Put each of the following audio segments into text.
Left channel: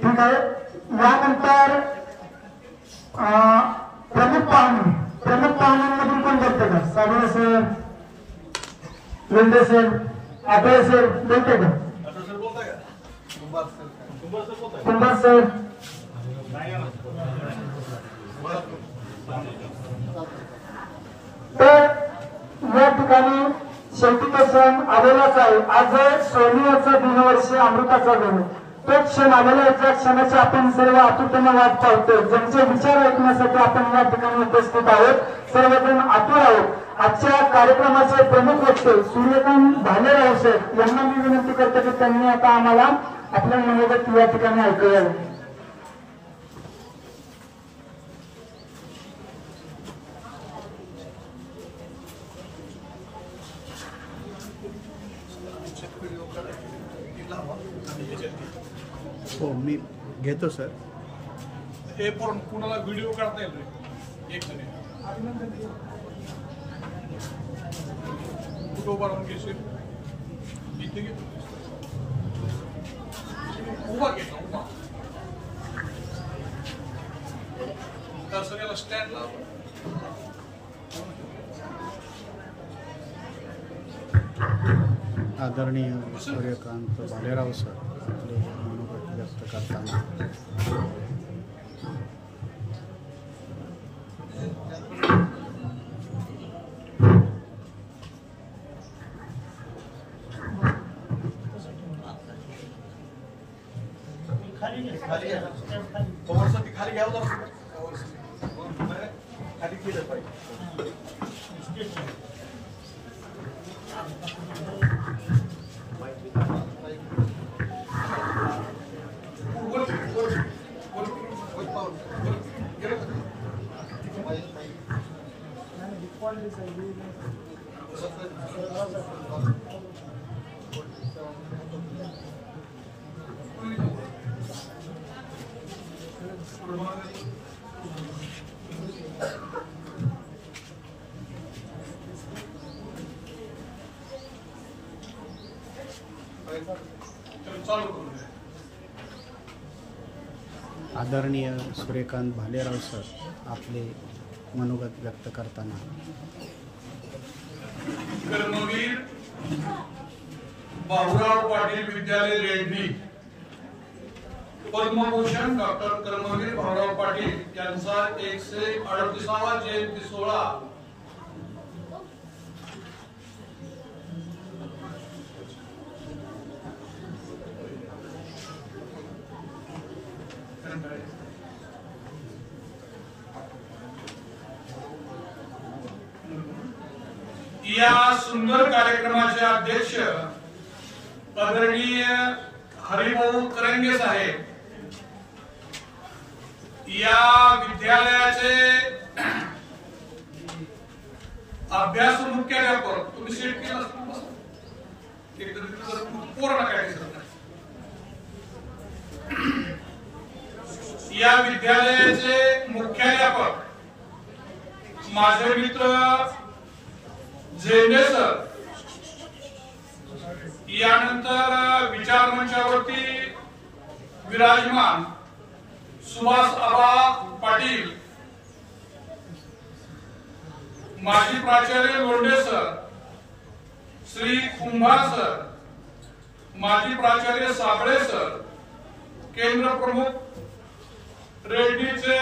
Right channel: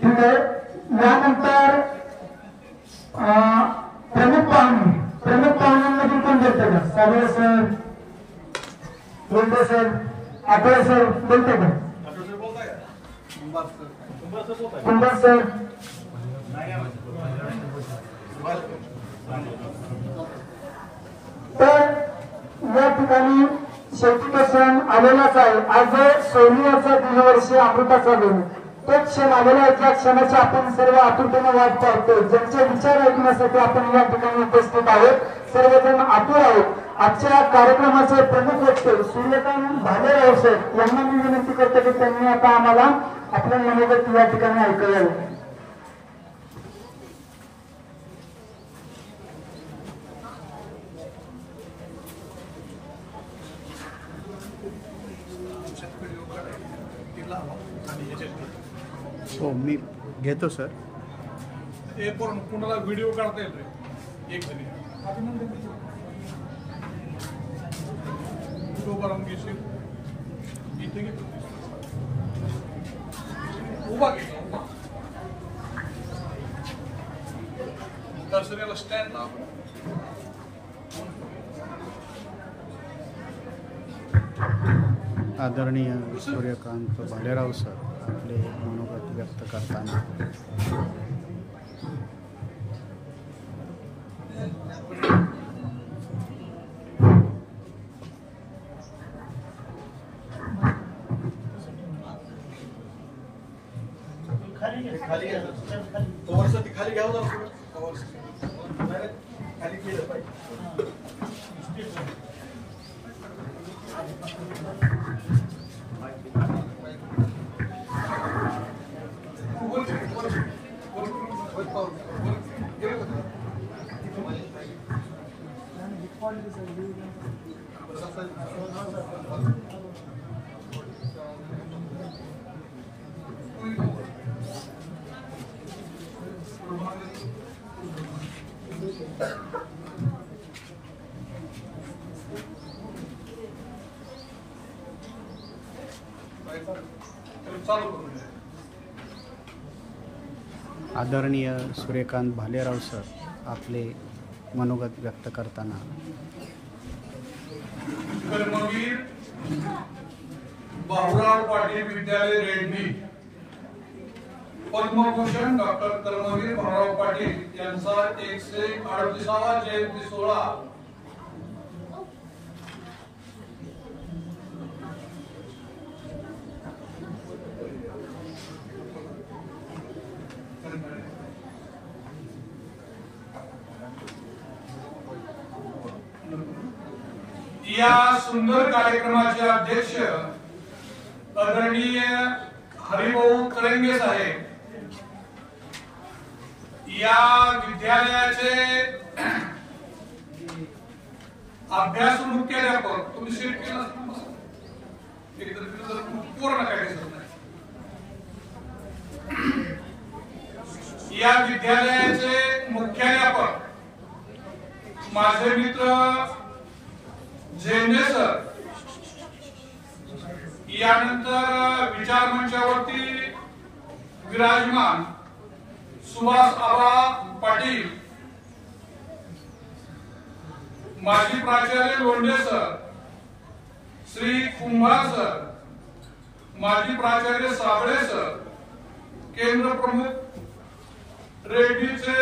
ठीक आहे. यानंतर प्रमुख पाहुण्यांमधून कोण बोलते का? Sable sir, Lende sir, Athawale sir बोलते का? कुंभार सर तर या ठिकाणी शेवटी तो क्षण आलेलाच आहे. आज सोनियाचा दिनवर्ष अमृताचा दिन, तो क्षण आलेला आहे. ज्या क्षणाची आपण सर्व आतुरतेने वाट पाहतो, ज्यांचे विचार ऐकण्यासाठी आपण या ठिकाणी उपस्थित आहोत, सर्वजण आतुर आहोत. आजच्या कार्यक्रमाचे प्रमुख वक्ते सूर्यकांत भालेराव सर यांना मी विनंती करतो की त्यांनी आता आम्हाला आपलं मनोगत या ठिकाणी ऐकूया. हो मी घेतो सर. हे पण कुणाला व्हिडिओ काढता येईल एक जण फोटो बनवून घेशील इथे घे उभा घे उभा दर्शनाला स्टँड लाव. आदरणीय सूर्यकांत भालेराव सर आपले मनोगत व्यक्त करताना खाली घ्यावं खाली केलं पाहिजे. आदरणीय सूर्यकांत भालेराव सर आपले मनोगत व्यक्त करताना कर्मवीर भाऊराव पाटील विद्यालय रेड्डी पद्मभूषण डॉक्टर कर्मवीर भाऊराव पाटील यांचा 138वा जयंती सोहळा या सुंदर कार्यक्रमाचे अध्यक्ष आदरणीय हरिभाऊ करंगे साहेब, या विद्यालयाचे अभ्यास मुख्याध्यापक तुम्ही सीट केला पूर्ण काय या विद्यालयाचे मुख्याध्यापक माझे मित्र झेंडे सर, यानंतर विचार मंचावरती विराजमान सुभाष आबा पाटील, माजी प्राचार्य लोंढे सर, श्री कुंभार सर, माजी प्राचार्य साबळे सर, केंद्र प्रमुख रेड्डीचे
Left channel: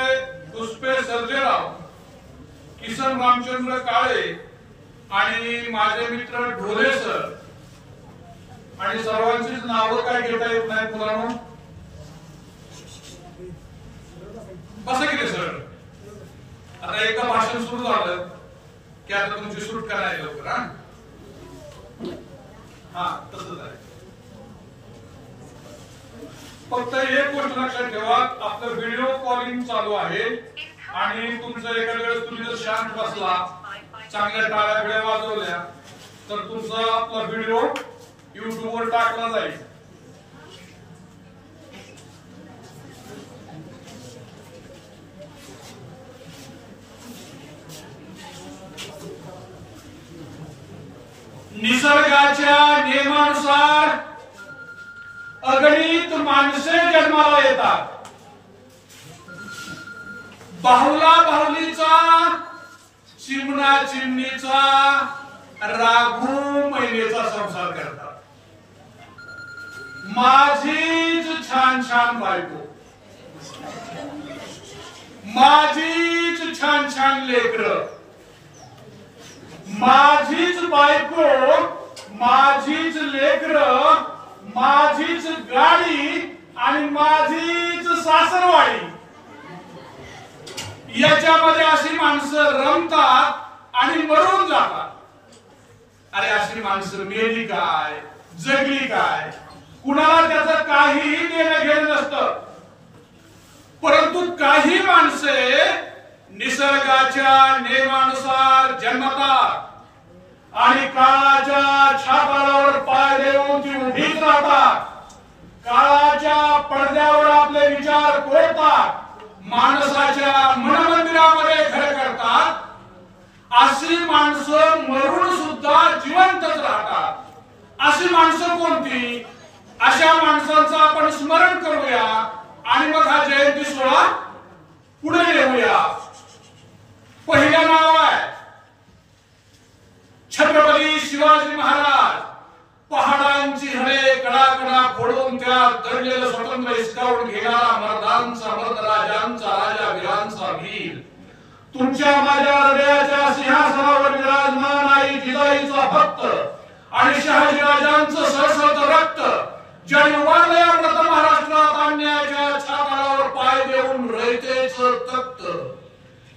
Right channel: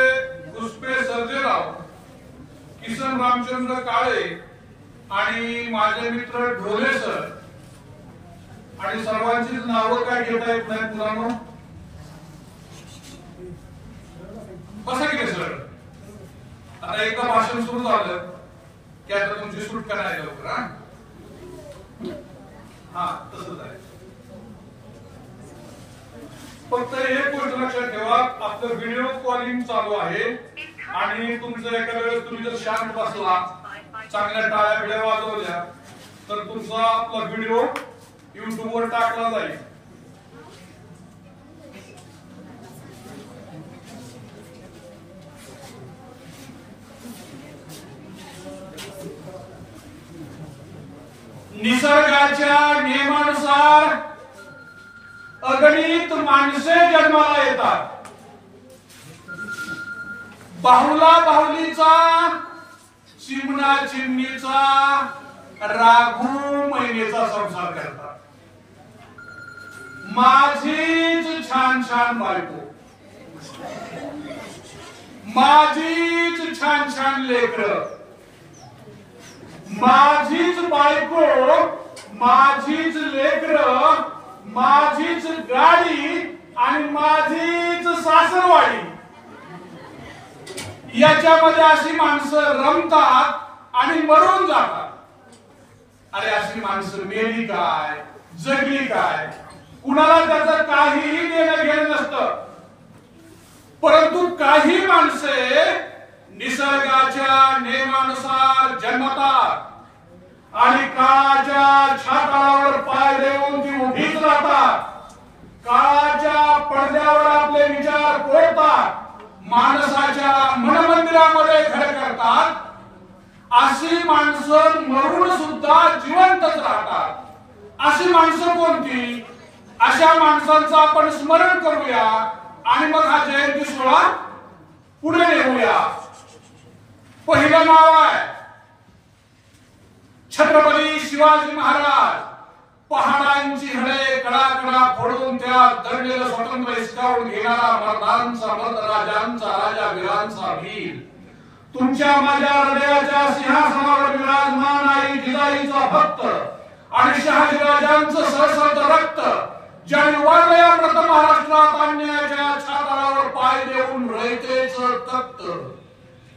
पुष्पे सर्जेराव, किसन रामचंद्र काळे आणि माझे मित्र ढोले सर, आणि सर्वांचीच नावं काय घेता येत नाहीत मुलांनो. कसं गेले सर, आता एकदा भाषण सुरू झालं की आता तुमची सूट करायला लवकर. हा तसंच आहे. फक्त एक गोष्ट लक्षात ठेवा, आपलं व्हिडिओ कॉलिंग चालू आहे आणि तुमचं एका वेळेस तुम्ही जर शांत बसला, चांगल्या टाळ्या बिळ्या वाजवल्या तर तुमचा आपला व्हिडिओ YouTube वर टाकला जाईल. निसर्गाच्या नियमानुसार अगणित माणसे जन्माला येतात. बाहुला बाहुलीचा, चिमणा चिमणीचा, राघू मैनेचा संसार करतात. माझीच छान छान बायको, माझीच छान छान लेकरं, माझीच बायको, माझीच लेकरं, माझीच गाडी आणि माझीच सासरवाडी. याच्यामध्ये अशी माणसं रमतात आणि मरून जातात. अरे अशी माणसं मेली काय, जगली काय, कुणाला त्याचं काहीही देणं घेणं नसतं. परंतु काही माणसे निसर्गाच्या नियमानुसार जन्मतात आणि काळाच्या छाताळावर पाय देऊन ती उभीच राहतात. काळाच्या पडद्यावर आपले विचार कोरतात, माणसाच्या मनमंदिरामध्ये घर करतात. अशी माणसं मरून सुद्धा जिवंतच राहतात. अशी माणसं कोणती? अशा माणसांचं आपण स्मरण करूया आणि मग हा जयंती सोहळा पुढे नेऊया. पहिलं नाव आहे छत्रपती शिवाजी महाराज. पहाडांची हळे कळा फोडून त्या दडलेलं स्वतंत्र हिसकावून घेणारा मर्दांचा मर्द, राजांचा राजा, वीरांचा वीर. तुमच्या माझ्या हृदयाच्या सिंहासनावर विराजमान आई जिजाईचा भक्त आणि शहाजी राजांचं सळसळत रक्त, ज्याने वाढल्या प्रथम महाराष्ट्रात अन्यायाच्या छाताळावर पाय देऊन रयतेच तख्त,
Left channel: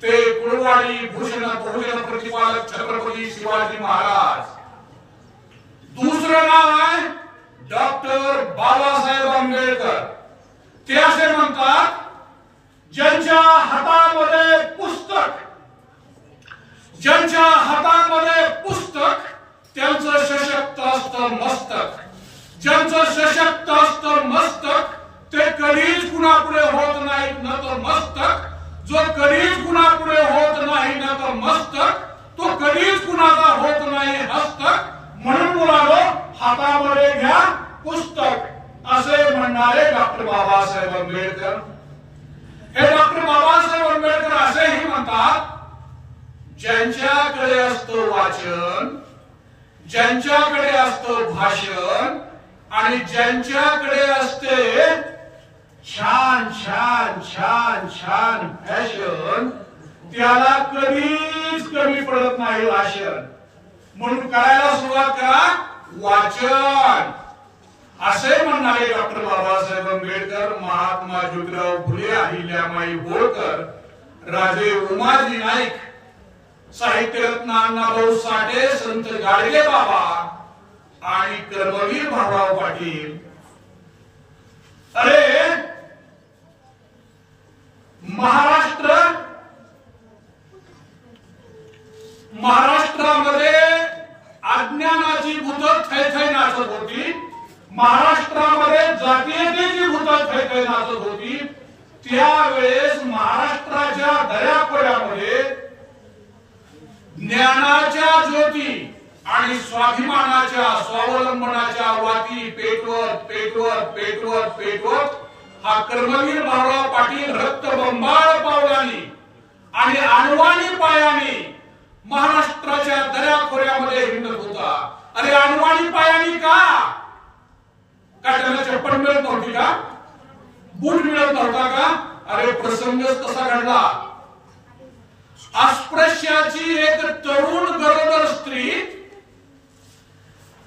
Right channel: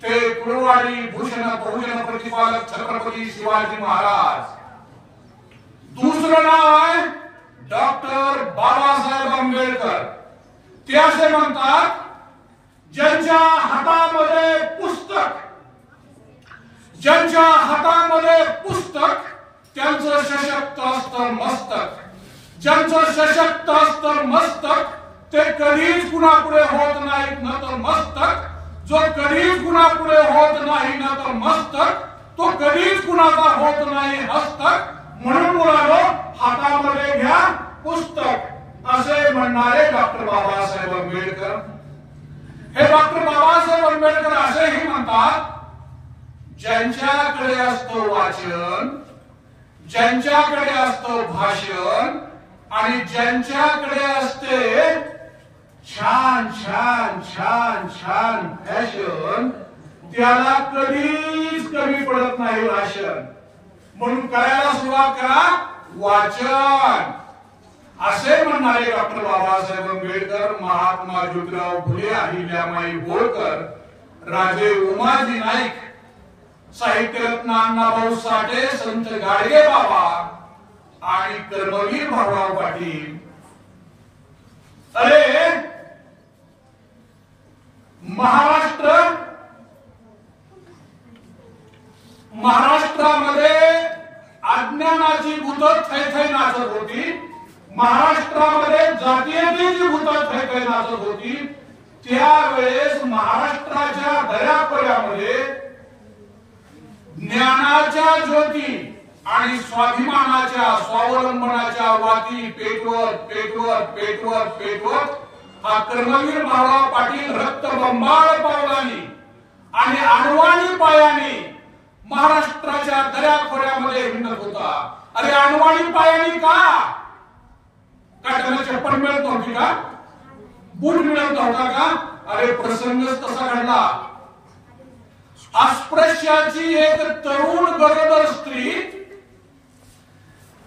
ते कुळवाडी भूषण बहुजन प्रतिपालक छत्रपती शिवाजी महाराज. दुसरं नाव आहे डॉक्टर बाबासाहेब आंबेडकर. ते असे म्हणतात, ज्यांच्या हातामध्ये पुस्तक, ज्यांच्या हातामध्ये पुस्तक त्यांचं सशक्त असतं मस्तक. ज्यांचं सशक्त असतं मस्तक ते कधीच कुणापुढे होत नाहीत न तर मस्तक. जो कधीच कुणापुढे होत नाही न तर मस्तक, तो कधीच कुणाचा होत नाही हस्तक. म्हणून मुलांनो, हातामध्ये घ्या पुस्तक, असे म्हणणारे डॉक्टर बाबासाहेब आंबेडकर. हे डॉक्टर बाबासाहेब आंबेडकर असेही म्हणतात, ज्यांच्याकडे असतो वाचन, ज्यांच्याकडे असतो भाषण आणि ज्यांच्याकडे असते छान छान छान छान फॅशन, त्याला कधीच कमी पडत नाही राशन. म्हणून करायला सुरुवात करा वाचन, असे म्हणणारे डॉक्टर बाबासाहेब आंबेडकर, महात्मा ज्योतिराव फुले, अहिल्यामाई होळकर, राजे उमाजी नाईक, साहित्यरत्न अण्णाभाऊ साठे, संत गाडगे बाबा आणि कर्मवीर भाऊराव पाटील. अरे महाराष्ट्रामध्ये अज्ञानाची भूत थैथै नाचत होती. महाराष्ट्रामध्ये जातीयतेची भूत थैथै नाचत होती. त्यावेळेस महाराष्ट्राच्या दऱ्याखोऱ्यामध्ये ज्ञानाच्या ज्योती आणि स्वाभिमानाच्या, स्वावलंबनाच्या वाती पेटवत पेटवत पेटवत पेटवत हा कर्मवीर भाऊराव पाटील रक्तबंबाळ पावलांनी आणि अणवाणी पायानी महाराष्ट्राच्या दऱ्याखोऱ्यामध्ये हिंडत होता. अरे अणवाणी पायानी का? त्यांना चप्पल मिळत नव्हती का? बूट मिळत नव्हता का? अरे प्रसंगच तसा घडला. अस्पृश्याची एक तरुण गरोदर स्त्री,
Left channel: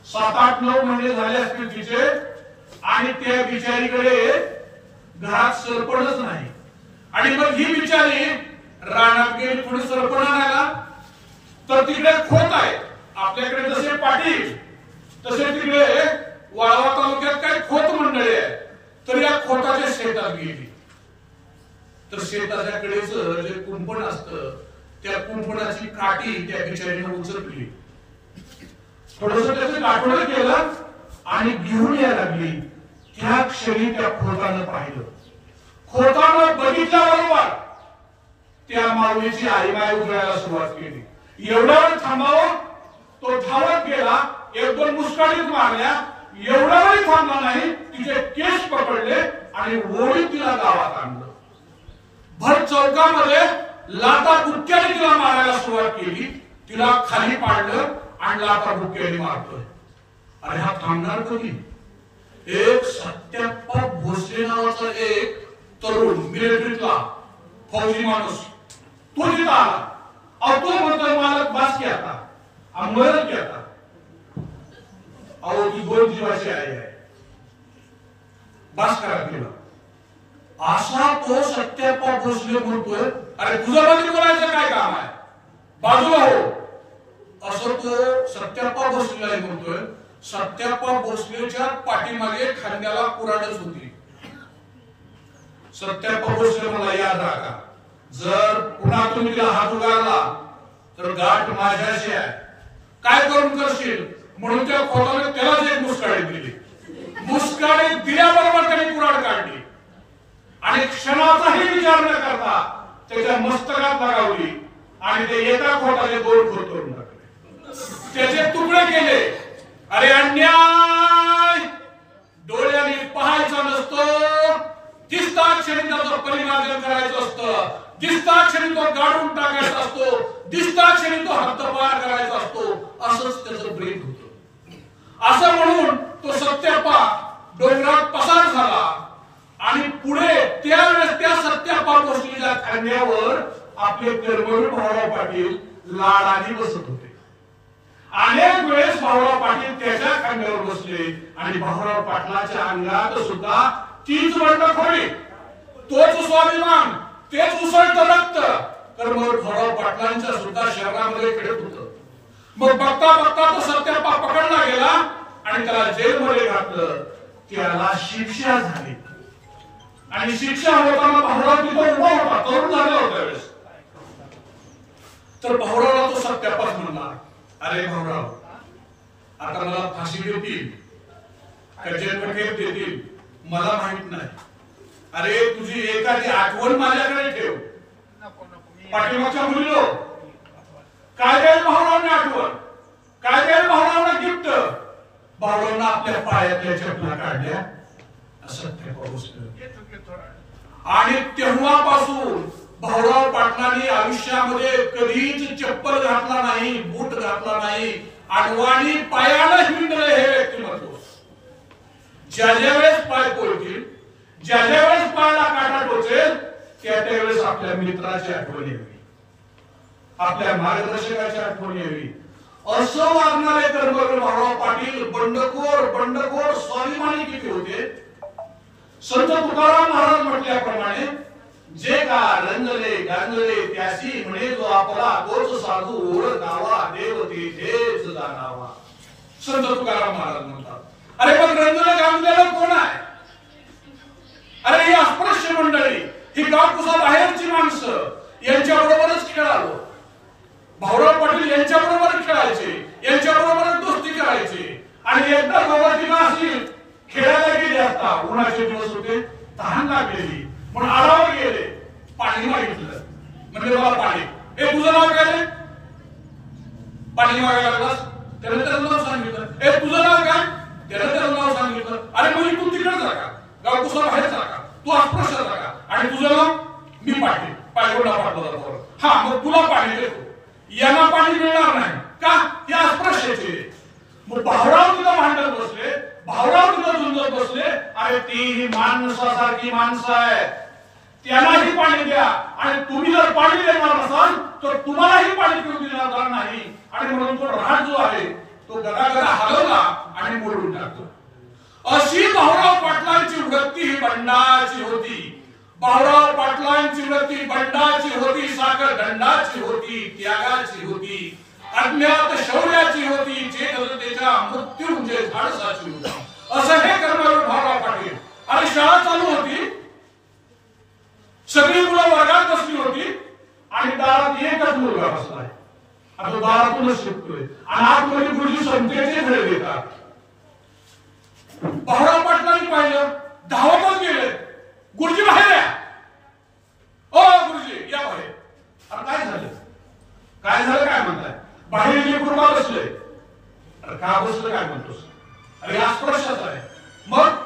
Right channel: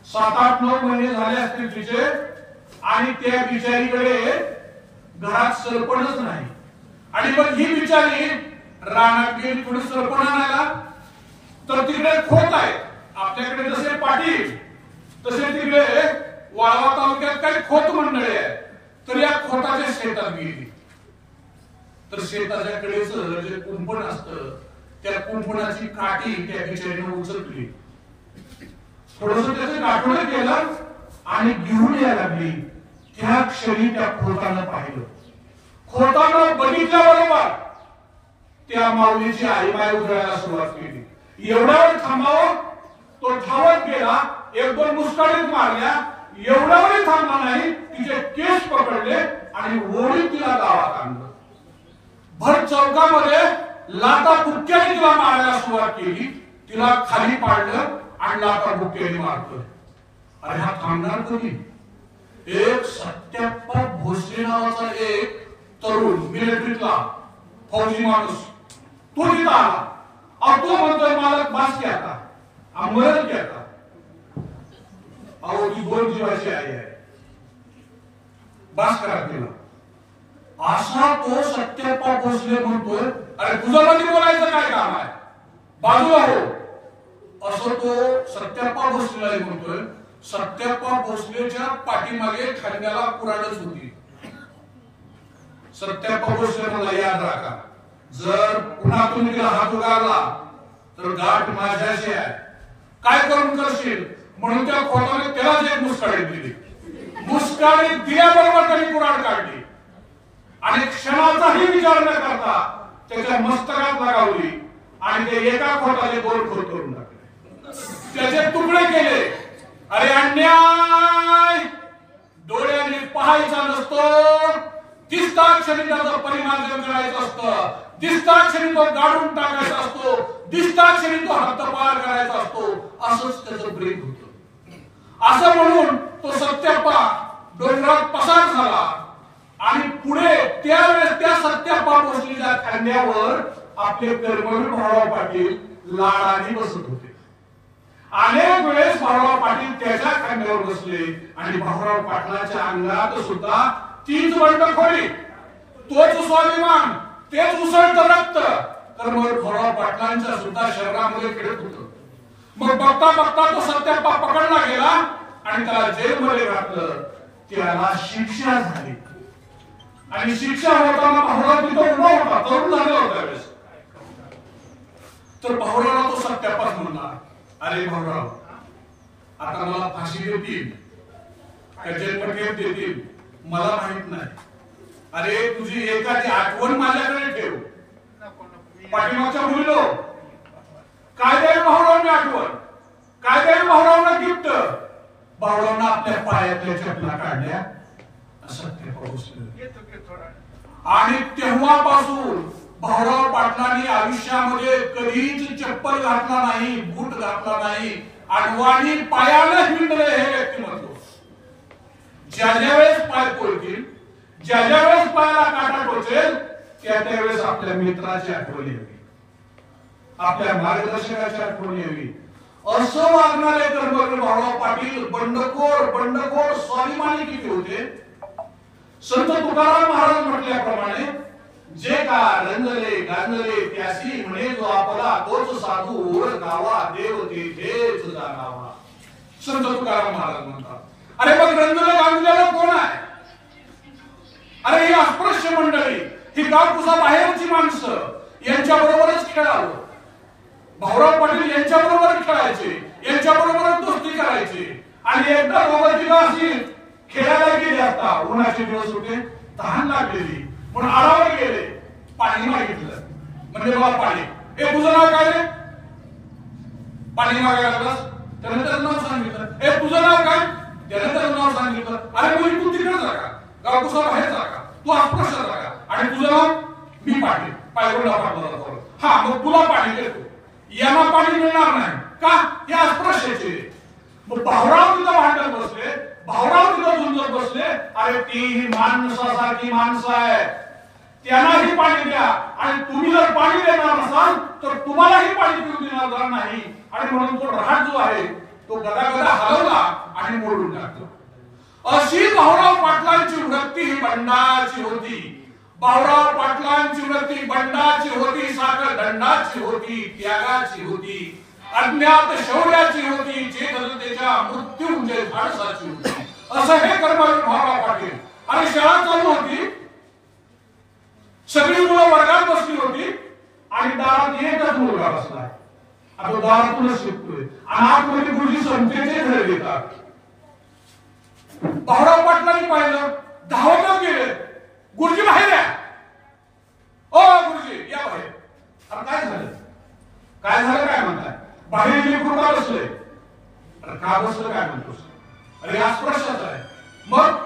7-8-9 महिने झाले असतील तिचे, आणि त्या बिचारीकडे घरात सरपणच नाही. आणि मग ही बिचारी रानात गेली थोडी सरपण आणायला, तर तिकडे खोत आहे. आपल्याकडे जसे पाटील तसे तिकडे वाळवा तालुक्यात काही खोत मंडळी आहे. तर या खोताच्या शेतात गेली. तर शेताच्या कडेच जे कुंपण असतं, त्या कुंपणाची काठी त्या बिचारीने उचलली. थोडस त्याचं गाठोडं केलं आणि घेऊन यायला लागली. त्या क्षणी त्या खोतानं पाहिलं. खोतानं बघितल्याबरोबर त्या माऊलीची आईमाय उधळायला सुरुवात केली. एवढा वेळ थांबावं, तो धावत गेला. 1-2 मुस्काळीत मारल्या. एवढा वेळ थांबला नाही, तिचे केस पकडले आणि ओढीत तिला गावात आणलं. भर चौकामध्ये लाता बुक्क्याने तिला मारायला सुरुवात केली. तिला खाली पाडलं आणि लाता बुक्क्याने मारतोय. अरे हा थांबणार कधी? एक सत्याप्पा भोसले नावाचा एक तरुण मिलिटरीतला फौजी माणूस तो तिथं आला. अहो तो म्हणतोय मालक बास की आता आम्हाला की आता. अहो ती 2 जीवाची आई आहे, बास करा तिला. असा तो सत्याप्पा भोसले म्हणतोय अरे तुझं मध्ये बोलायचं काय काम आहे, बाजूला हो. असं तो सत्याप्पा भोसले म्हणतोय. सत्याप्पा भोसलेच्या पाठीमागे खांद्याला कुऱ्हाडच होती. सत्याप्पा भोसले म्हणला याद राखा, जर पुन्हा तुम्ही तिला हात उगारला तर गाठ माझ्याशी आहे. काय करून करशील म्हणून त्या खोताने त्यालाच एक मुस्काळी दिली. मुस्काळी दिल्याबरोबर त्यांनी कुऱ्हाड काढली आणि क्षणाचाही विचार न करता त्याच्या मस्तकात लगावली आणि ते एका खोताचे 2 खोत करून टाकले, त्याचे तुकडे केले. अरे अन्याय डोळ्याने पाहायचा नसतो, दिसता क्षणी त्याचं परिमार्जन करायचं असतं, दिसता क्षणी तो गाडून टाकायचा असतो, दिसता क्षणी तो हद्दपार करायचा असतो. असंच त्याचं ब्रीद होतं. असं म्हणून तो सत्याप्पा डोंगरात पसार झाला आणि पुढे त्यावेळेस त्या सत्याप्पा भोसलेच्या खांद्यावर आपले कर्मवीर भाऊराव पाटील लाडाने बसत होते. अनेक वेळेस भाऊराव पाटील त्याच्या खांद्यावर बसले आणि भाऊराव पाटलाच्या अंगात सुद्धा तीच बंडखोरी, तोच स्वाभिमान, तेच उसळतं रक्त कर्मवीर भाऊराव पाटलांच्या सुद्धा शरीरामध्ये खेळत होतं. मग बघता बघता तो सत्याप्पा पकडला गेला आणि त्याला जेलमध्ये घातलं. त्याला शिक्षा झाली आणि शिक्षा होताना भाऊराव तिथं उभा होता, तरुण झाला होता वेळेस. तर भाऊरावला तो सत्याप्पाच म्हणला, अरे भाऊराव आता मला फाशी देतील का जन्मठेप देतील मला माहित नाही. अरे तुझी एखादी आठवण माझ्याकडे ठेव. पाठीमागच्या मुलीलो काय द्याल भाऊरावने आठवण, काय द्याल भाऊरावना गिफ्ट. भाऊरावना आपल्या पायातल्या चपला काढल्या सत्याप्पा भोसले आणि तेव्हापासून भाऊराव पाटलांनी आयुष्यामध्ये कधीच चप्पल घातला नाही, बूट घातला नाही, आडवाणी पायानं हिंडले हे व्यक्तिमत्व. ज्या ज्या वेळेस पाय पोळतील, ज्या ज्या वेळेस पायाला काटा टोचेल त्या त्यावेळेस आपल्या मित्राची आठवण यावी, आपल्या मार्गदर्शकाची आठवण यावी. असं वागणारे कर्मवीर भाऊराव पाटील बंडखोर स्वाभिमानी किती होते. संत तुकाराम महाराज म्हटल्याप्रमाणे जे का रंगले गांगले त्यासी म्हणे जो आपला तोच साधू ओळखावा देव तेथेच जाणावा. संत तुकाराम महाराज म्हणतात. अरे पण रंगले गांगलेला कोण आहे? अरे ही अस्पृश्य मंडळी, ही गावकुसा बाहेरची माणसं यांच्याबरोबरच खेळावं. भाऊराव पाटील यांच्याबरोबर खेळायचे, यांच्याबरोबरच दोस्ती करायची. आणि एकदा दोघांची अशी खेळायला गेली असता, उन्हाचे दिवस होते, तहान लागलेली म्हणून आरावर गेले, पाणी मागितलं. म्हणजे मला पाणी, ए तुझं नाव काय रे? पाणी मागायला लागलास, त्याने त्याचं नाव सांगितलं. ए तुझं नाव काय? त्याने त्याचं नाव सांगितलं. अरे मुली तू तिकडे जा का, गावकुसा बाहेर जा का, तू अस्पृश्य जा का, आणि तुझं नाव? मी पाटील, पायगोंडा पाटला. हा मग तुला पाणी देतो, यांना पाणी मिळणार नाही का? या अस्पृश्याचे. मग भाऊराव तिथं भांडत बसले, भाऊराव तिथं झुंजत बसले. अरे ती ही माणसासारखी माणसं आहे, त्यांनाही पाणी द्या आणि तुम्ही जर पाणी देणार नसाल तर तुम्हालाही पाणी पिऊ देणार नाही. आणि म्हणून तो रहाट जो आहे तो गदागदा हलवला आणि मोडून टाकतो. अशी भाऊराव पाटलांची वृत्ती ही बंडाची होती. भाऊराव पाटलांची वृत्ती बंडाची होती, साखर दंडाची होती, त्यागाची होती, अज्ञात शौर्याची होती, चेतनतेच्या मृत्यू म्हणजे धाडसाची होती. असं हे कर्मवीर भाऊराव पाटील. आणि शाळा चालू होती, सगळी मुलं वर्गात बसली होती आणि दारात एकच मुलगा बसलाय. आता दारातूनच शिकतोय आणि आतमध्ये गुरुजी संख्येचे धडे देतात. भाऊराव पाटलांनी पाहिलं, धावतच गेले, गुरुजी बाहेर आहे. ओ गुरुजी या बाहेर. आता काय झालं, काय झालं काय म्हणताय? बाहेर लेकरू का बसले? का बसलं काय म्हणतोस? अरे अस्पृश्याचा आहे. मग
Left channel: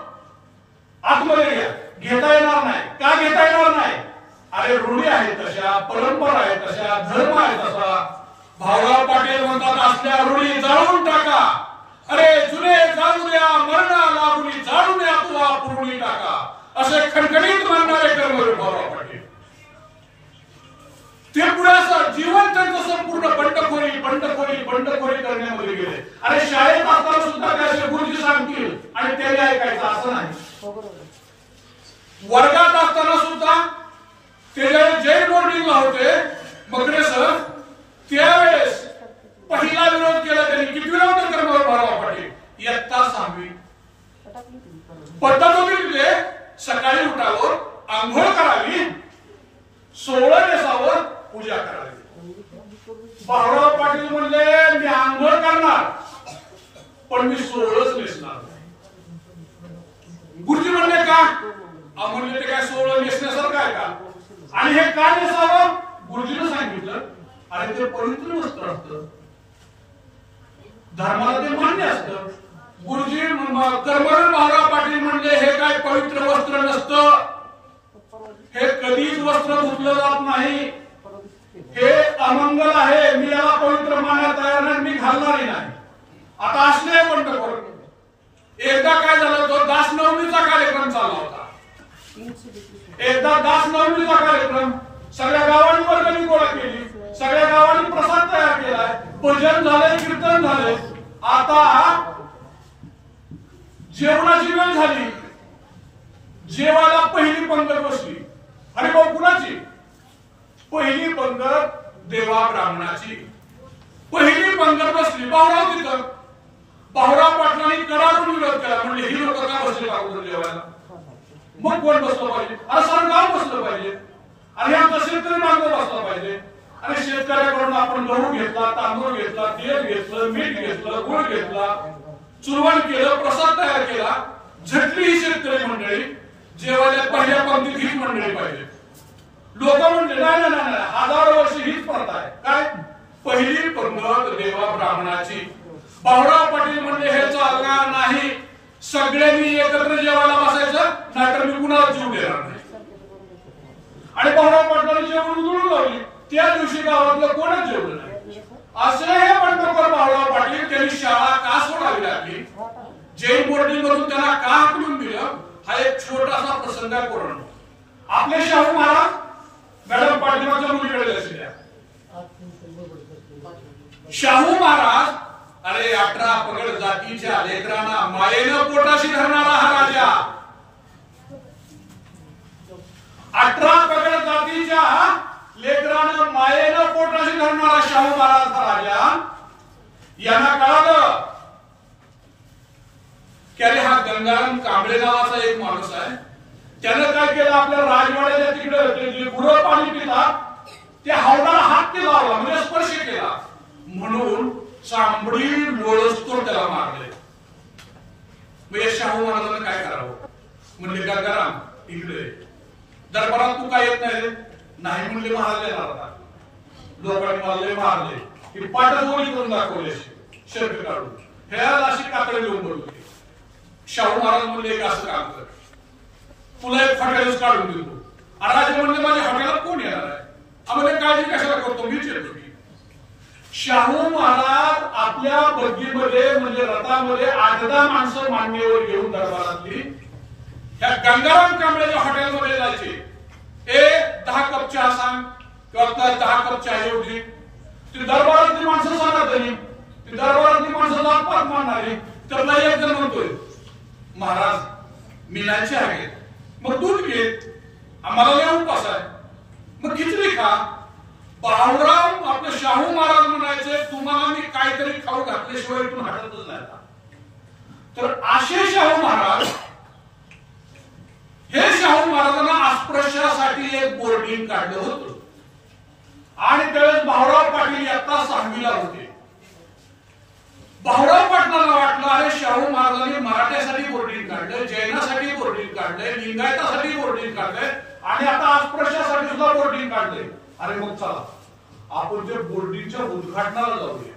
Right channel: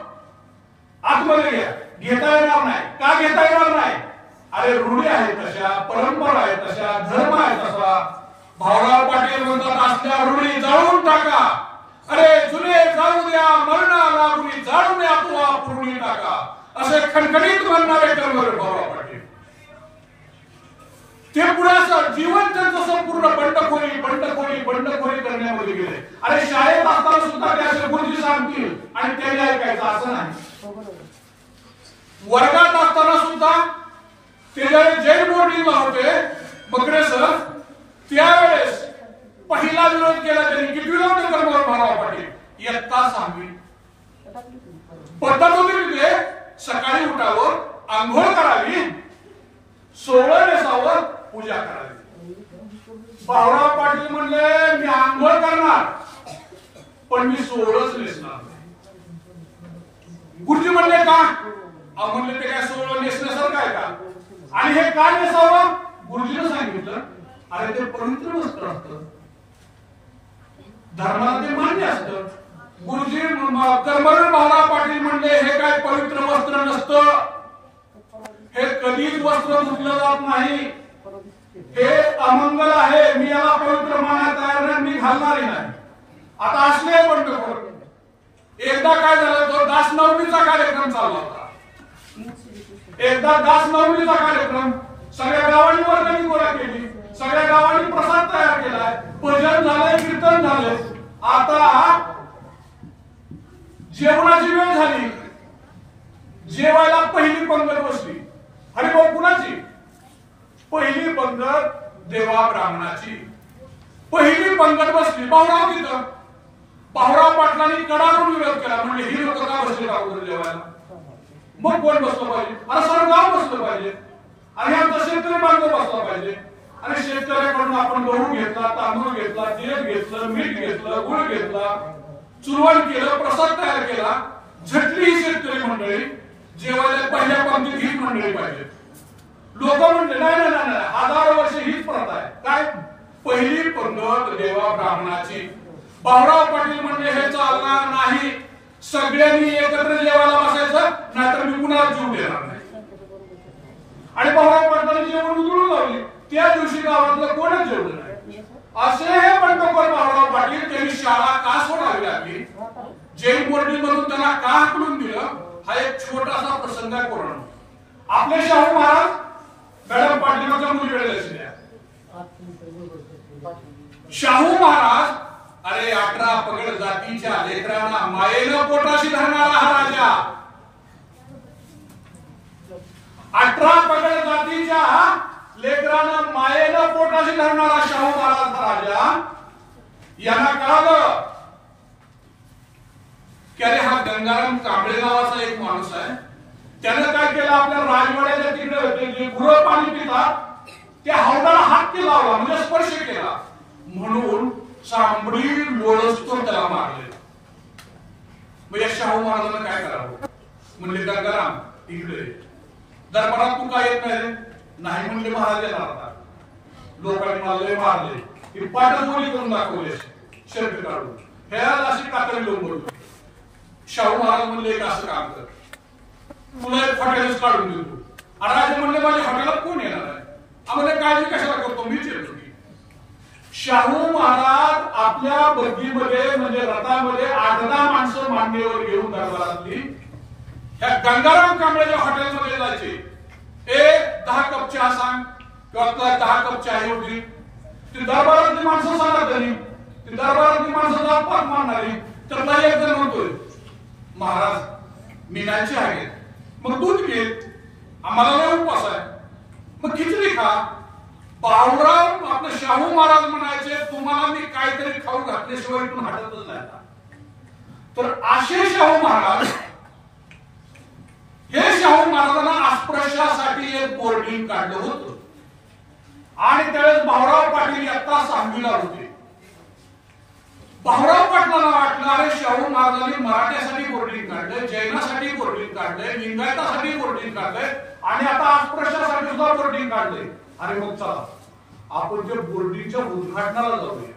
तशा, धर्म आहे तसा. भाऊराव पाटील म्हणतात असल्या ऋणी जाळून टाका, अरे जुने जाळू द्या, मरणाला ऋणी जाळून द्या, तो ऋणी टाका, असे खणखणीत म्हणणारे कर्मवीर भाऊराव पाटील. ते पुढे जीवन त्यांचं संपूर्ण बंडखोरी करण्यामध्ये गेले. अरे शाळेत असताना सुद्धा ते असे गुरुजी सांगतील आणि त्याने ऐकायचं असं नाही. वर्गात असताना सुद्धा ते ज्यावेळेस जैन बोर्डिंगला होते बकडे सर, त्यावेळेस पहिला विरोध केला त्यांनी. किती विरोध कर्मवीर भाऊराव पाटील? इयत्ता 6वी. पद्धत होती तिथे सकाळी उठावं, आंघोळ करावी, सोवळं नेसावं, पूजा करावी. भाऊराव पाटील म्हणले मी आंघोळ करणार पण मी सोवळंच नेसणार नाही. गुरुजी म्हणले का? म्हणले ते काय सोवळं नेसण्यासारखं आहे का? आणि हे का नेसावं? गुरुजीने सांगितलं अरे ते पवित्र वस्त्र असतं, धर्माला ते मान्य असतं. गुरुजी कर्मवीर भाऊराव पाटील म्हणले हे काय पवित्र वस्त्र नसतं, हे कधीच वस्त्र धुतलं जात नाही, हे अमंगल आहे, मी याला पवित्र मानायला तयार नाही, मी घालणारही नाही. आता असले बंद करून एकदा काय झालं, तो दास नवमीचा कार्यक्रम चालला होता. एकदा दास नवमीचा कार्यक्रम सगळ्या गावांनी वर्गणी गोळा केली, सगळ्या गावांनी प्रसाद तयार केलाय, भजन झालंय, कीर्तन झाले. आता जेवणाची वेळ झाली, जेवायला पहिली पंगत बसली. हरिभाऊ कुणाची? पहिली पंगत देवा ब्राह्मणाची. पहिली पंगत बसली, भाऊराव तिथं. भाऊराव पाटलांनी कडाडून विरोध केला, म्हणजे ही लोक का बसले अगोदर जेवायला? मग कोण बसलं पाहिजे? अरे सर गाव बसलं पाहिजे, आणि आमचा शेतकरी बांधव बसला पाहिजे. आणि शेतकऱ्याकडून आपण गहू घेतला, तांदूळ घेतला, तेल घेतलं, मीठ घेतलं, गुळ घेतला, चुरवण केलं, प्रसाद तयार केला. झटली ही शेतकरी मंडळी जेवायला पहिल्या पंक्तीत हीच मंडळी पाहिजे. लोक म्हणले नाही नाही नाही, 1000 वर्ष हीच प्रथा आहे. काय? पहिली पंगत देवा ब्राह्मणाची. भाऊराव पाटील म्हणजे हे चालणार नाही, सगळ्यांनी एकत्र जेवायला बसायचं, नाहीतर मी कुणाला जीव देणार नाही. आणि भाऊराव पाटलांनी जेवण उधळून लावली. त्या दिवशी गावातलं कोणच जेवलं नाही. असे हे बंडखोर भाऊराव पाटील. त्यांनी शाळा का सोडावी लागली, जैन बोर्डिंग मधून त्यांना का हाकलून दिलं, हा एक छोटासा प्रसंग आहे. कोरोना आपले शाहू महाराज, मॅडम पाटीलच्या मुलीकडे लक्ष द्या. शाहू महाराज, अरे 18 पगड जातीच्या लेकरांना मायेनं पोटाशी धरणारा हा राजा, 18 पगड जातीच्या लेकरांना मायेनं पोटाशी धरणारा शाहू महाराज हा राजा, यांना कळालं की अरे हा गंगाराम कांबळे नावाचा एक माणूस आहे. त्यानं काय केलं, आपल्या राजवाड्याच्या तिकडे जे गुरं पाणी पितात त्या हौदाला हात केला लावला, म्हणजे स्पर्श केला, म्हणून चांबडी लोळसतो त्याला मारले. म्हणजे शाहू महाराजांना काय करावं? म्हणजे गंगाराम इकडे दरबारात तू काय येत नाही? नाही म्हणजे महाराज येणार आता. लोकांनी मारले की पाठगोळी करून दाखवले, शर्ट काढून ह्याला अशी कातडी घेऊन बोलतो. शाहू महाराज म्हणजे एक असं काम कर, तुला एक हॉटेलच काढून देतो. राजे म्हणजे माझ्या हॉटेलात कोण येणार आहे? आम्हाला काळजी कशाला करतो, मीच येतो की. शाहू महाराज आपल्या बग्गीमध्ये म्हणजे रथामध्ये 8-10 माणसं मांडणीवर घेऊन दरबारातली त्या गंगाराम कांबळेच्या हॉटेलमध्ये जायचे. 10 कप चहा सांग किंवा 10 कप चहा एवढी. ती दरबारातली माणसं सांगत नाही, ती दरबारातली माणसं जात पाक मारणारी. तर नाही एक जण म्हणतोय, महाराज मी नाही चहा घेत, मग दूध घेत, आम्हाला लय उपवास आहे, मग खिचडी खा. भाऊराव आपले शाहू महाराज म्हणायचे, तुम्हाला मी काहीतरी खाऊ घातल्याशिवाय इथून हटतच नाही. तर असे शाहू महाराज, हे शाहू महाराजांना अस्पृश्यासाठी एक बोर्डिंग काढलं होतं. आणि त्यावेळेस भाऊराव पाटील इयत्ता 6वीला होते. भाऊराव पाटलांना वाटलं अरे शाहू महाराजांनी मराठ्यासाठी बोर्डिंग काढलंय, जैनासाठी बोर्डिंग काढलंय, लिंगायतासाठी बोर्डिंग काढलंय, आणि आता अस्पृश्यासाठी सुद्धा बोर्डिंग काढलंय. अरे मग चला आपण जे बोर्डिंगच्या उद्घाटनाला जाऊया.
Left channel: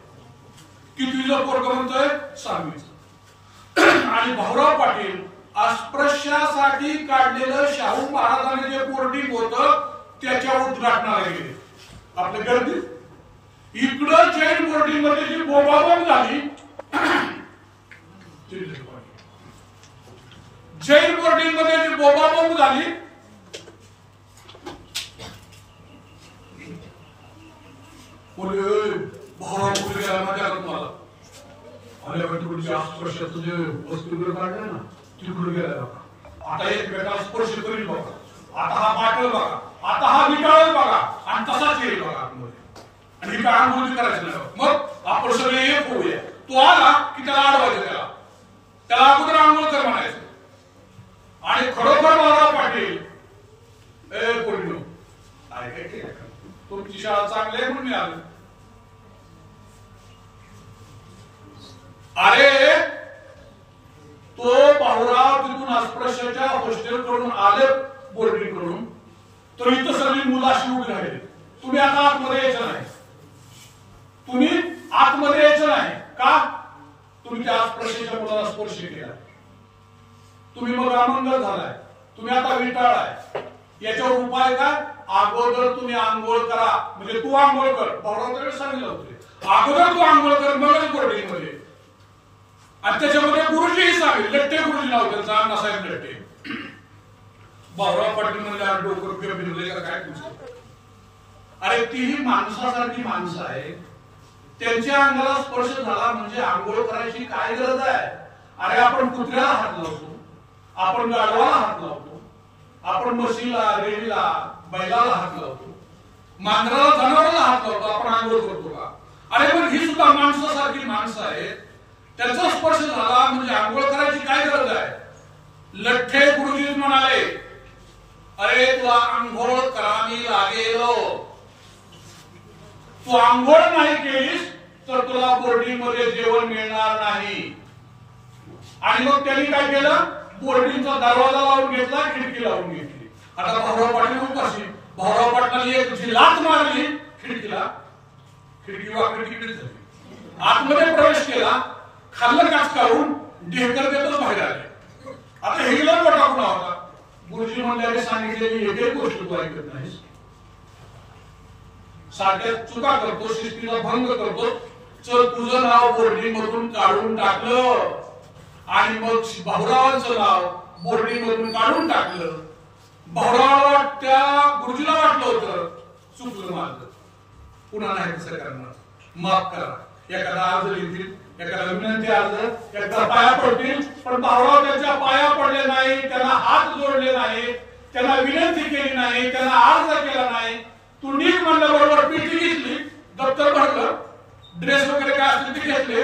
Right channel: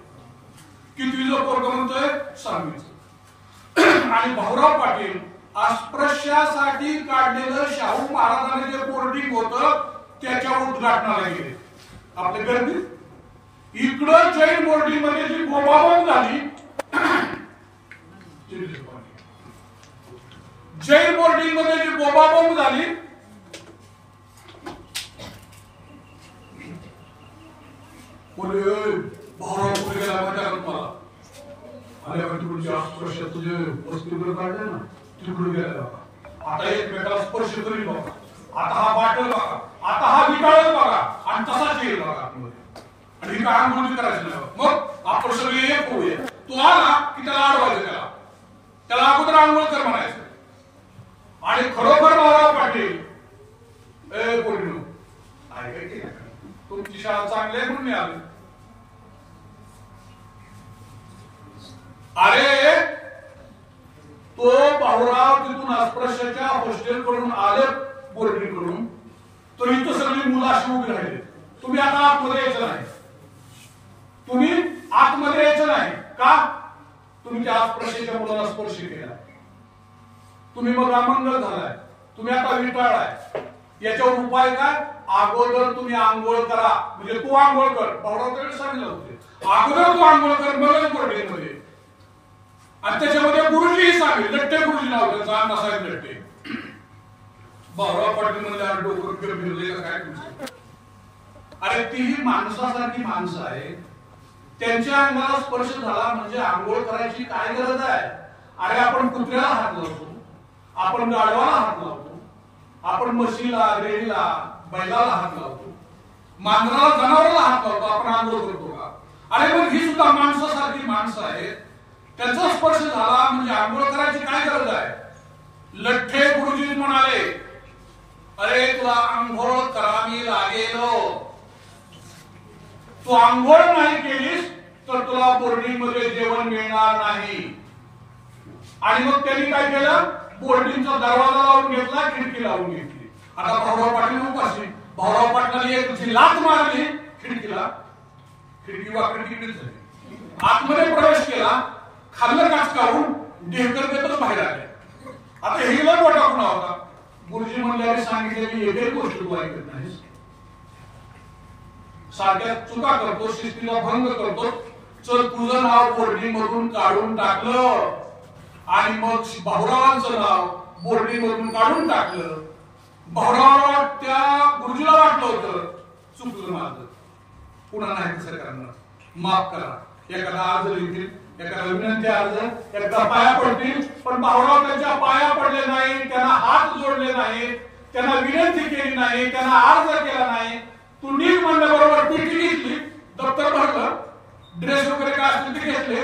कितवीला पोरगं म्हणतोय? 6वीचं. आणि भाऊराव पाटील अस्पृश्यासाठी काढलेलं शाहू महाराजांनी जे बोर्डिंग होतं त्याच्या उद्घाटनाला गेले. आपल्या गर्दीत. इकडं जैन बोर्डिंग मध्ये जी बोंबाबोंब झाली, जैन बोर्डिंग मध्ये जी बोंबाबोंब झाली, भावा कुठे गेला माझ्या तुम्हाला आल्या तिकडच्या स्पर्श तुझे वस्तूकडे काढले ना तिकडे गेला बघा. आता एकमेकाला स्पर्श करील बघा. आता हा बाटल बघा, आता हा विटाळ बघा आणि तसाच येईल बघा आतमध्ये. आणि ही काय आंघोळी करायचं नाही. मग आपण सगळे एक होऊया. तो आला की त्याला अडवायचं, त्याला अगोदर आंघोळ कर म्हणायचं. आणि खरोखर महाराज पाटील ए पोरीनो काय काय केलं का तुमची शाळा चांगली आहे म्हणून आलं. अरे तो बाहुराव तिथून अस्पृश्याच्या हॉस्टेल कडून आलं, बोर्डिंग कडून, तर इथं सगळी मुलं अशी उभी राहिली. तुम्ही आता आतमध्ये यायचं नाही, तुम्ही आतमध्ये यायचं नाही. का? तुम्ही त्या अस्पृश्याच्या मुलाला स्पर्श केला, तुम्ही मग अमंगल झालाय, तुम्ही आता विटाळ आहे. याच्यावर उपाय काय? अगोदर तुम्ही आंघोळ करा. म्हणजे तू आंघोळ कर, बाहुराव सांगितलं होते, अगोदर तू आंघोळ कर मग बोर्डिंग मध्ये. आणि त्याच्यामध्ये गुरुजी सांगले, लट्टे गुरुजी नाव त्यांचा, अण्णासाहेब लट्टे. बाबुराव पाटील म्हणजे डोकं फिरले का काय तुमचं? अरे तीही माणसासारखी माणसं आहे, त्यांच्या अंगाला स्पर्श झाला म्हणजे आंघोळ करायची काय गरज आहे? अरे आपण कुत्र्याला हात लावतो, आपण गाढवाला हात लावतो, आपण म्हशीला, रेडीला, बैलाला हात लावतो, मांजराला, जनावराला हात लावतो, आपण आंघोळ करतो का? अरे मग ही सुद्धा माणसासारखी माणसं आहेत, त्यांचा स्पर्श झाला म्हणजे आंघोळ करायची काय गरज आहे? लठ्ठे गुरुजी म्हणाले, अरे तुला आंघोळ करावी लागेल, तू आंघोळ नाही केलीस तर तुला बोर्डिंग मध्ये जेवण मिळणार नाही. आणि मग त्यांनी काय केलं? बोर्डिंगचा दरवाजा लावून घेतला, खिडकी लावून घेतली. आता भाऊराव पाटील उपाशी, भाऊराव पाटलांनी एक लाथ मारली खिडकीला, खिडकी वाकडी तिकडे झाली, आतमध्ये प्रवेश केला, खाल्लं काच काढून ढेकर देतच बाहेर आले. आता हिला मोठा गुन्हा होता. गुरुजी म्हणल्याने सांगितलेली एकही गोष्ट तू ऐकत नाहीस, सारख्या चुका करतो, शिस्तीला भंग करतो. चल तुझं नाव बोर्डिंग मधून काढून टाकलं आणि मग भाऊरावांचं नाव बोर्डिंग मधून काढून टाकलं. भाऊरावाला त्या गुरुजीला वाटलं होतं चुकलं माझं, पुन्हा नाही कसं करणार, माफ करा. एखादा अर्ज लिहितील, एखादा विनंती अर्ज, एखादा पाया पडतील, पण भाऊराव त्यांच्या पाया पडले नाही, त्यांना हात जोडले नाही, त्यांना विनंती केली नाही, त्यांना अर्ज केला नाही. तू नीट म्हणल्याबरोबर पेटी घेतली, दप्तर भरलं, ड्रेस वगैरे काय असतील ते घेतले.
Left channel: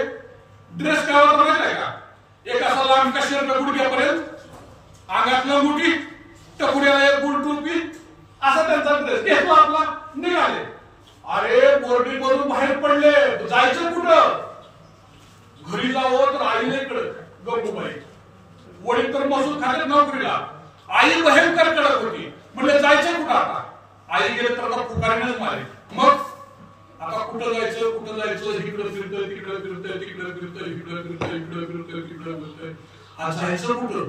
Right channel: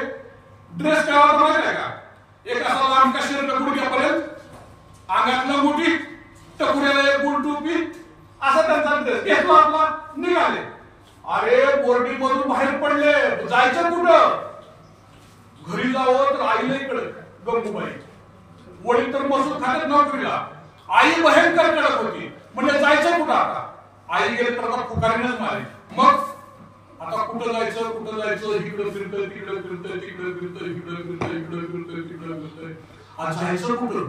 ड्रेस काय होता माहिती आहे का? एक असा लांब काशीर गुडघ्यापर्यंत, अंगातलं मुठी, टकुऱ्याला एक गुल टोपी, असा त्यांचा ड्रेस घेतला आपला, निघाले. अरे बोर्डिंग मधून बाहेर पडले, जायचं कुठं? घरी जावं तर आईला इकडं गंगूबाई, वडील तर मसूद खात्यात नोकरीला, आई भयंकर कडक होती. म्हणजे जायचं कुठं आता? आई गेले तर पुकारीनच मारे. मग आता कुठं जायचं, कुठं जायचं? इकडं फिरतोय, तिकडं फिरतोय, तिकडं फिरतोय, इकडं फिरतोय, इकडं फिरतोय, तिकडं फिरतोय. आज जायचं कुठं?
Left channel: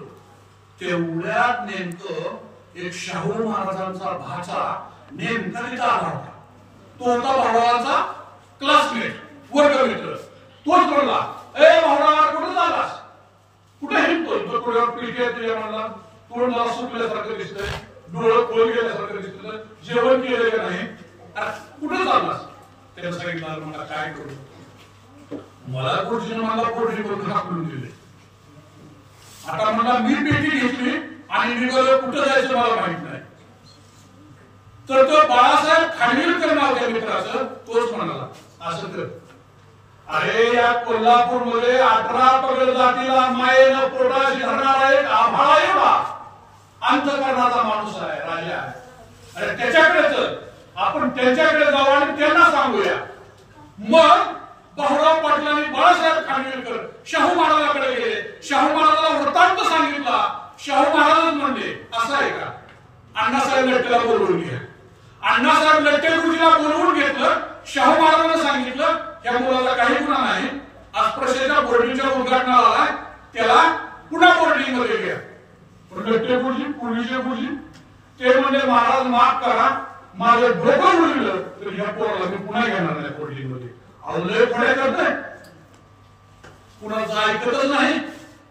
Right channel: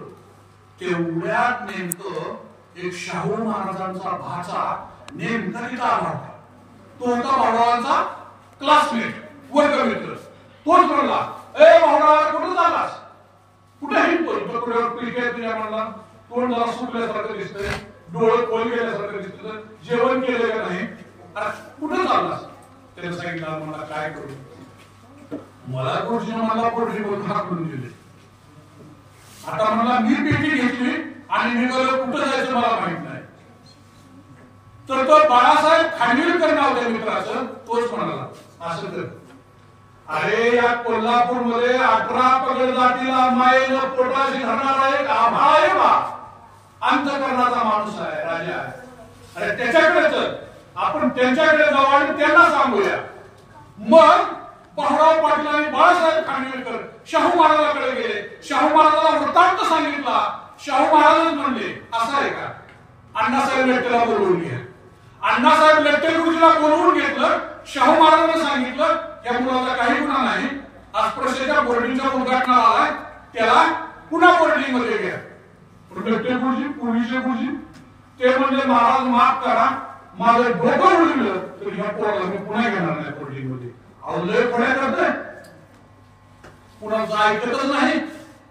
तेवढ्यात नेमकं एक शाहू महाराजांचा भाचा नेमका तिथं आला होता. तो होता भावाचा क्लासमेट, वर्गमित्र. तोच म्हणला, ए भावना कुठं झालास? कुठे हिंडतोय? डोक्यावर पिळके आहे तुझ्या म्हणला, तोंड जरा सुकल्यासारखं दिसतंय, डोळे खोल गेल्यासारखं दिसतंय, जेवण केलं का नाही? कुठं चाललास? त्यानं सांगितलं मला काय करू? मला गुरुजीनं मला पोटरी करून हाकलून दिले. आता मला मी पेटी घेतली आणि निघालो, कुठं जायचं मला माहित नाही. तर तो बाळासाहेब खानविलकर नाव त्या मित्राचं, तोच म्हणाला असं कर. अरे या कोल्हापूर मध्ये 18 पगड जातीला मायेनं पोटाशी धरणारा एक आभाळा अंतकरणाचा माणूस आहे, राजा आहे. अरे त्याच्याकडे चल, आपण त्यांच्याकडे जाऊ आणि त्यांना सांगूया. मग भाऊराव पाटलांनी बाळासाहेब खानविलकर शाहू महाराजांकडे गेले, शाहू महाराजांना वृत्तांत सांगितला. शाहू महाराज म्हणले असं आहे का? अण्णासाहेब लट्टेला बोलवून घ्या. अण्णासाहेब लट्टे गुरुजीला बोलवून घेतलं. शाहू महाराजांना सांगितलं या मुलाला काही गुन्हा नाही, अस्पृश्याच्या बोर्डिंगच्या उद्घाटनाला आलाय, त्याला पुन्हा बोर्डिंग मध्ये घ्या. लट्टे गुरुजी, पूर्वीचे गुरुजी ते म्हणजे महाराज माफ करा, माझं डोकं उडविलं तर ह्या पोराला मी पुन्हा घेणार नाही कोर्टिंग मध्ये. अहो लय खोड्या करतोय, कुणाचं ऐकतच नाही,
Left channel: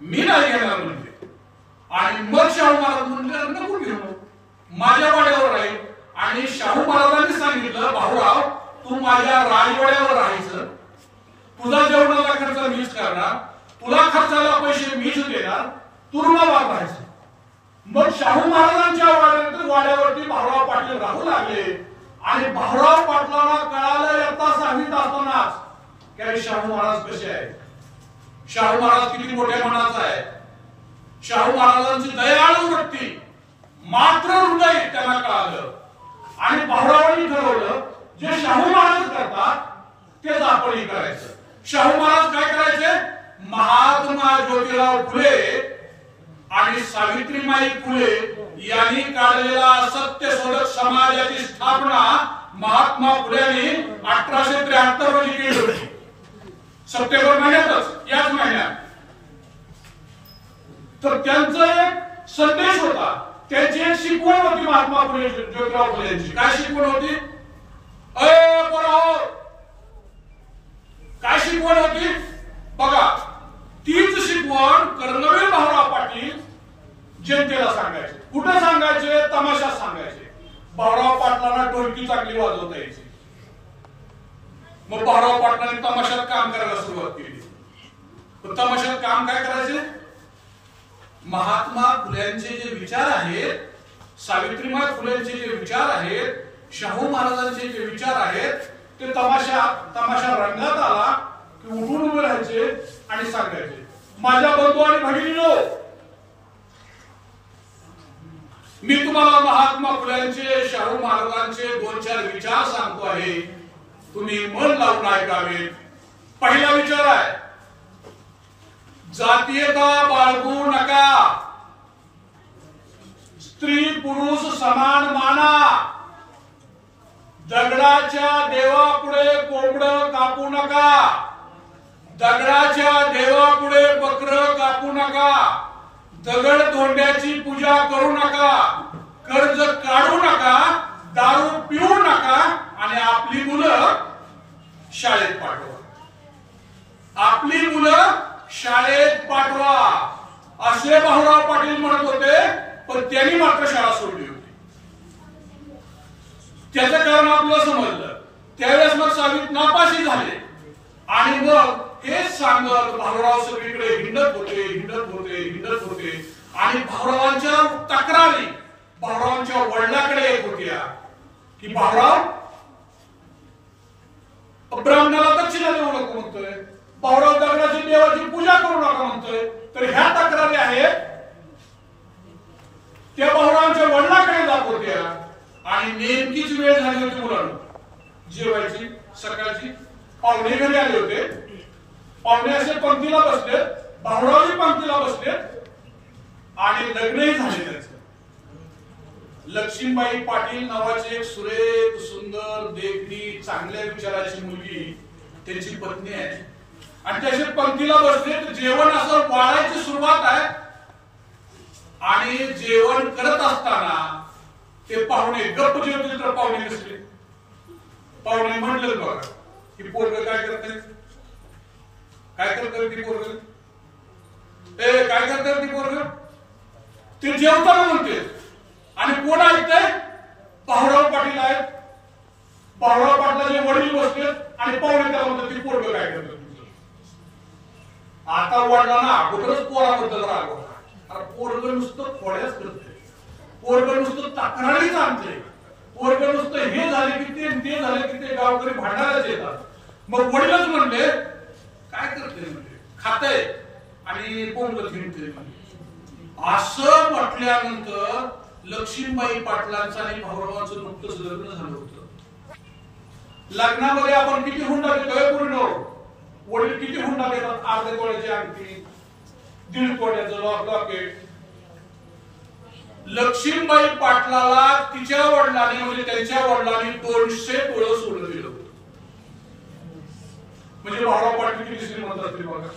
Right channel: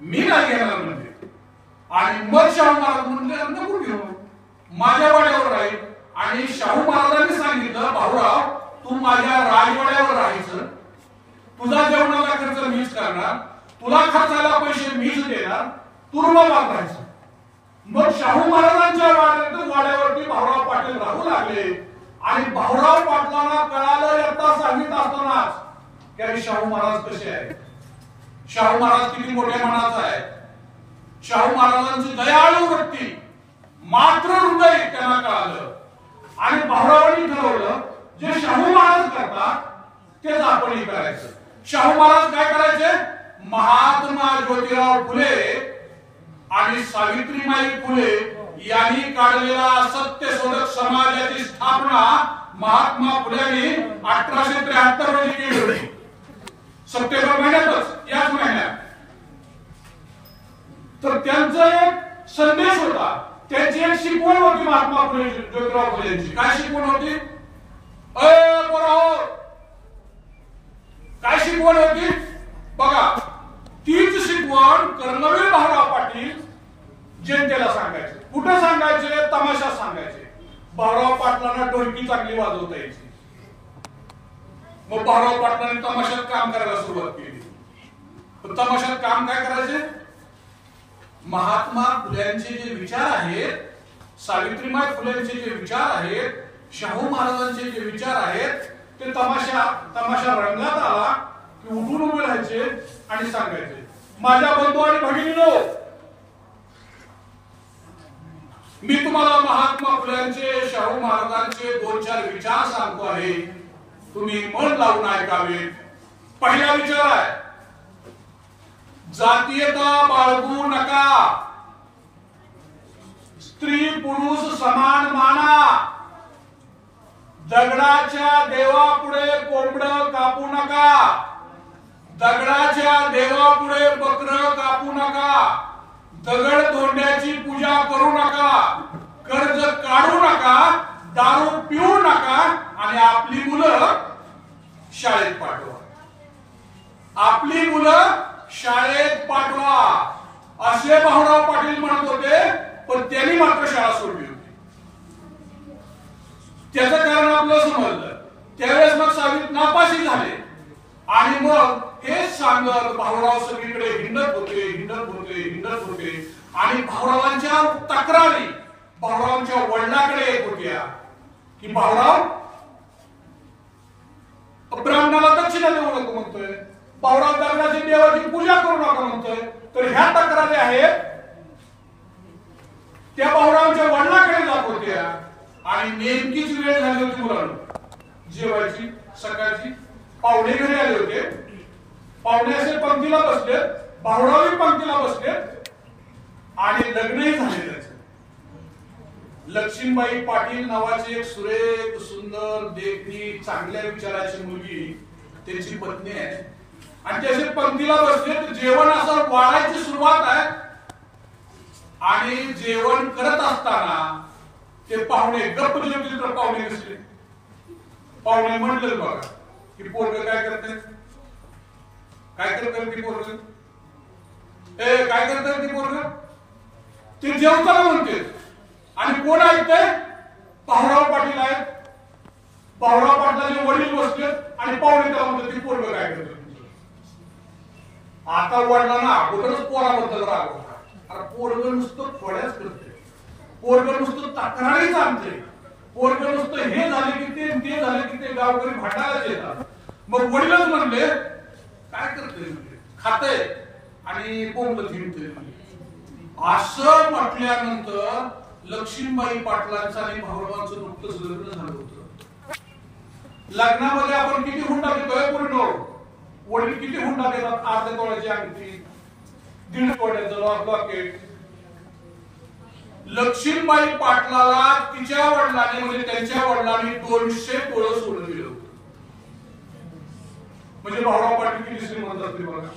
मी नाही घेणार म्हणजे. आणि मग शाहू महाराज म्हणले नको घेऊ, माझ्या वाड्यावर आहे. आणि शाहू महाराजांनी सांगितलं भाऊराव तू माझ्या राजवाड्यावर राहायचं, तुझा जेवणाचा खर्च मीच करणार, तुला खर्चाला पैसे मीच देणार, तू रुमाल राहायचं. मग शाहू महाराजांच्या वाड्यावरती भाऊराव पाटील राहू लागले. आणि भाऊराव पाटलांना कळालं येता सांगित असतानाच की शाहू महाराज कसे आहेत, शाहू महाराज किती मोठ्या मनाचा आहे, शाहू महाराजांची दयाळू वृत्ती, मात्र हृदय त्यांना कळालं. आणि भाऊरावांनी ठरवलं जे शाहू महाराज करतात तेच आपणही करायचं. शाहू महाराज काय करायचे, महात्मा ज्योतिराव फुले आणि सावित्रीबाई फुले यांनी काढलेला सत्यशोधक समाजाची स्थापना महात्मा फुल्यांनी 1873 रोजी केली होती, सप्टेंबर महिन्यातच, याच महिन्यात. तर त्यांचा एक संदेश होता, त्यांची एक शिकवण होती महात्मा फुले ज्योतिराव फुलेंची. काय शिकवण होती, अय पोराओ, काय शिकवण होती बघा. तीच शिकवण कर्मवीर भाऊराव पाटील जनतेला सांगायचे. कुठे सांगायचे, तमाशा सांगायचे. भाऊराव पाटलांना ढोलकी चांगली वाजवता यायची. मग भाऊराव पाटलांनी तमाशात काम करायला सुरुवात केली. तमाशात काम काय करायचे, महात्मा फुल्यांचे जे विचार आहेत, सावित्रीबाई फुलेंचे जे विचार आहेत, शाहू महाराजांचे जे विचार आहेत, ते तमाशा रंगात आला की उठून उभे राहायचे आणि सांगायचे. माझ्या बंधू आणि भगिनींनो, मी तुम्हाला महात्मा फुल्यांचे, शाहू महाराजांचे 2-4 विचार सांगतो आहे, तुम्ही मन लावून ऐकावे. पहिला विचार आहे, जातीयता बाळगू नका, स्त्री पुरुष समान माना, दगडाच्या देवापुढे कोंबडं कापू नका, दगडाच्या देवापुढे बकरं कापू नका, दगड धोंड्याची पूजा करू नका, कर्ज काढू नका, दारू पिऊ नका आणि आपली मुलं शाळेत पाठवा, आपली मुलं शाळेत पाठवा, असे भाऊराव पाटील म्हणत होते. पण त्यांनी मात्र शाळा सोडली होती. त्याचं कारण आपल्याला समजलं. त्यावेळेस मग सावित नापाशी झाले. आणि मग हेच सांगत भाऊराव सगळीकडे हिंडत होते. आणि भाऊरावांच्या तक्रारी भाऊरावांच्या वडिलांकडे येत होत्या की भाऊराव ब्राह्मणाला दक्षिणा देऊ नको म्हणतोय, भाऊराव दगडाची देवाची पूजा करू नका म्हणतोय. तर ह्या तक्रारी आहेत त्या भाऊरावांच्या वडिलांकडे जात होत्या. आणि नेमकीच वेळ झाली होती मुलांना जेवायची, सकाळची. पाहुणे घरी आले होते. पाहुणे असे पंक्तीला बसले, भाऊरावही पंक्तीला बसले आणि लग्नही झाले त्याचं. लक्ष्मीबाई पाटील नावाची एक सुरेख, सुंदर, देखणी, चांगल्या विचाराची मुलगी त्यांची पत्नी आहे. आणि त्याचे पंक्तीला बसले तर जेवण असं वाढायची सुरुवात आहे. आणि जेवण करत असताना ते पाहुणे गप्प जेवतील तर पाहुणे नसले. पाहुणे म्हणले बघा की पोरग काय करते, काय करते ती पोरग, काय करते ती पोरग, ते जेवताना म्हणते. आणि कोण ऐकतंय, भाऊराव पाटील आहेत. भाऊराव पाटलाचे वडील बसले आणि पाहुणे त्याला म्हणतात ती पोरग काय करते. आता वडिलांना अगोदरच पोराबद्दल राग होता. पोरग नुसतं खोड्याच करते, पोरग नुसतं तक्रारीच आणते, पोरग नुसतं हे झाले की ते झाले की ते गावकरी भांडायलाच येतात. मग वडीलच म्हणले काय करते, म्हणजे खाते आणि कोंबड फिरते. असं म्हटल्यानंतर लक्ष्मीबाई पाटलांचं आणि भाऊरावांचं नुकतंच लग्न झालं होतं. लग्नामध्ये आपण किती हुंडा देतोय पूर्ण, वडील किती हुंडा देतात, अर्ध्या तोळ्याची अंगठी, 1.5 तोळ्याचं लॉकेट. लक्ष्मीबाई पाटलाला तिच्या वडिलांनी म्हणजे त्यांच्या वडिलांनी 200 तोळं सोनं दिलं होतं. म्हणजे भाऊराव पाटील किती श्रीमंत असते बघा.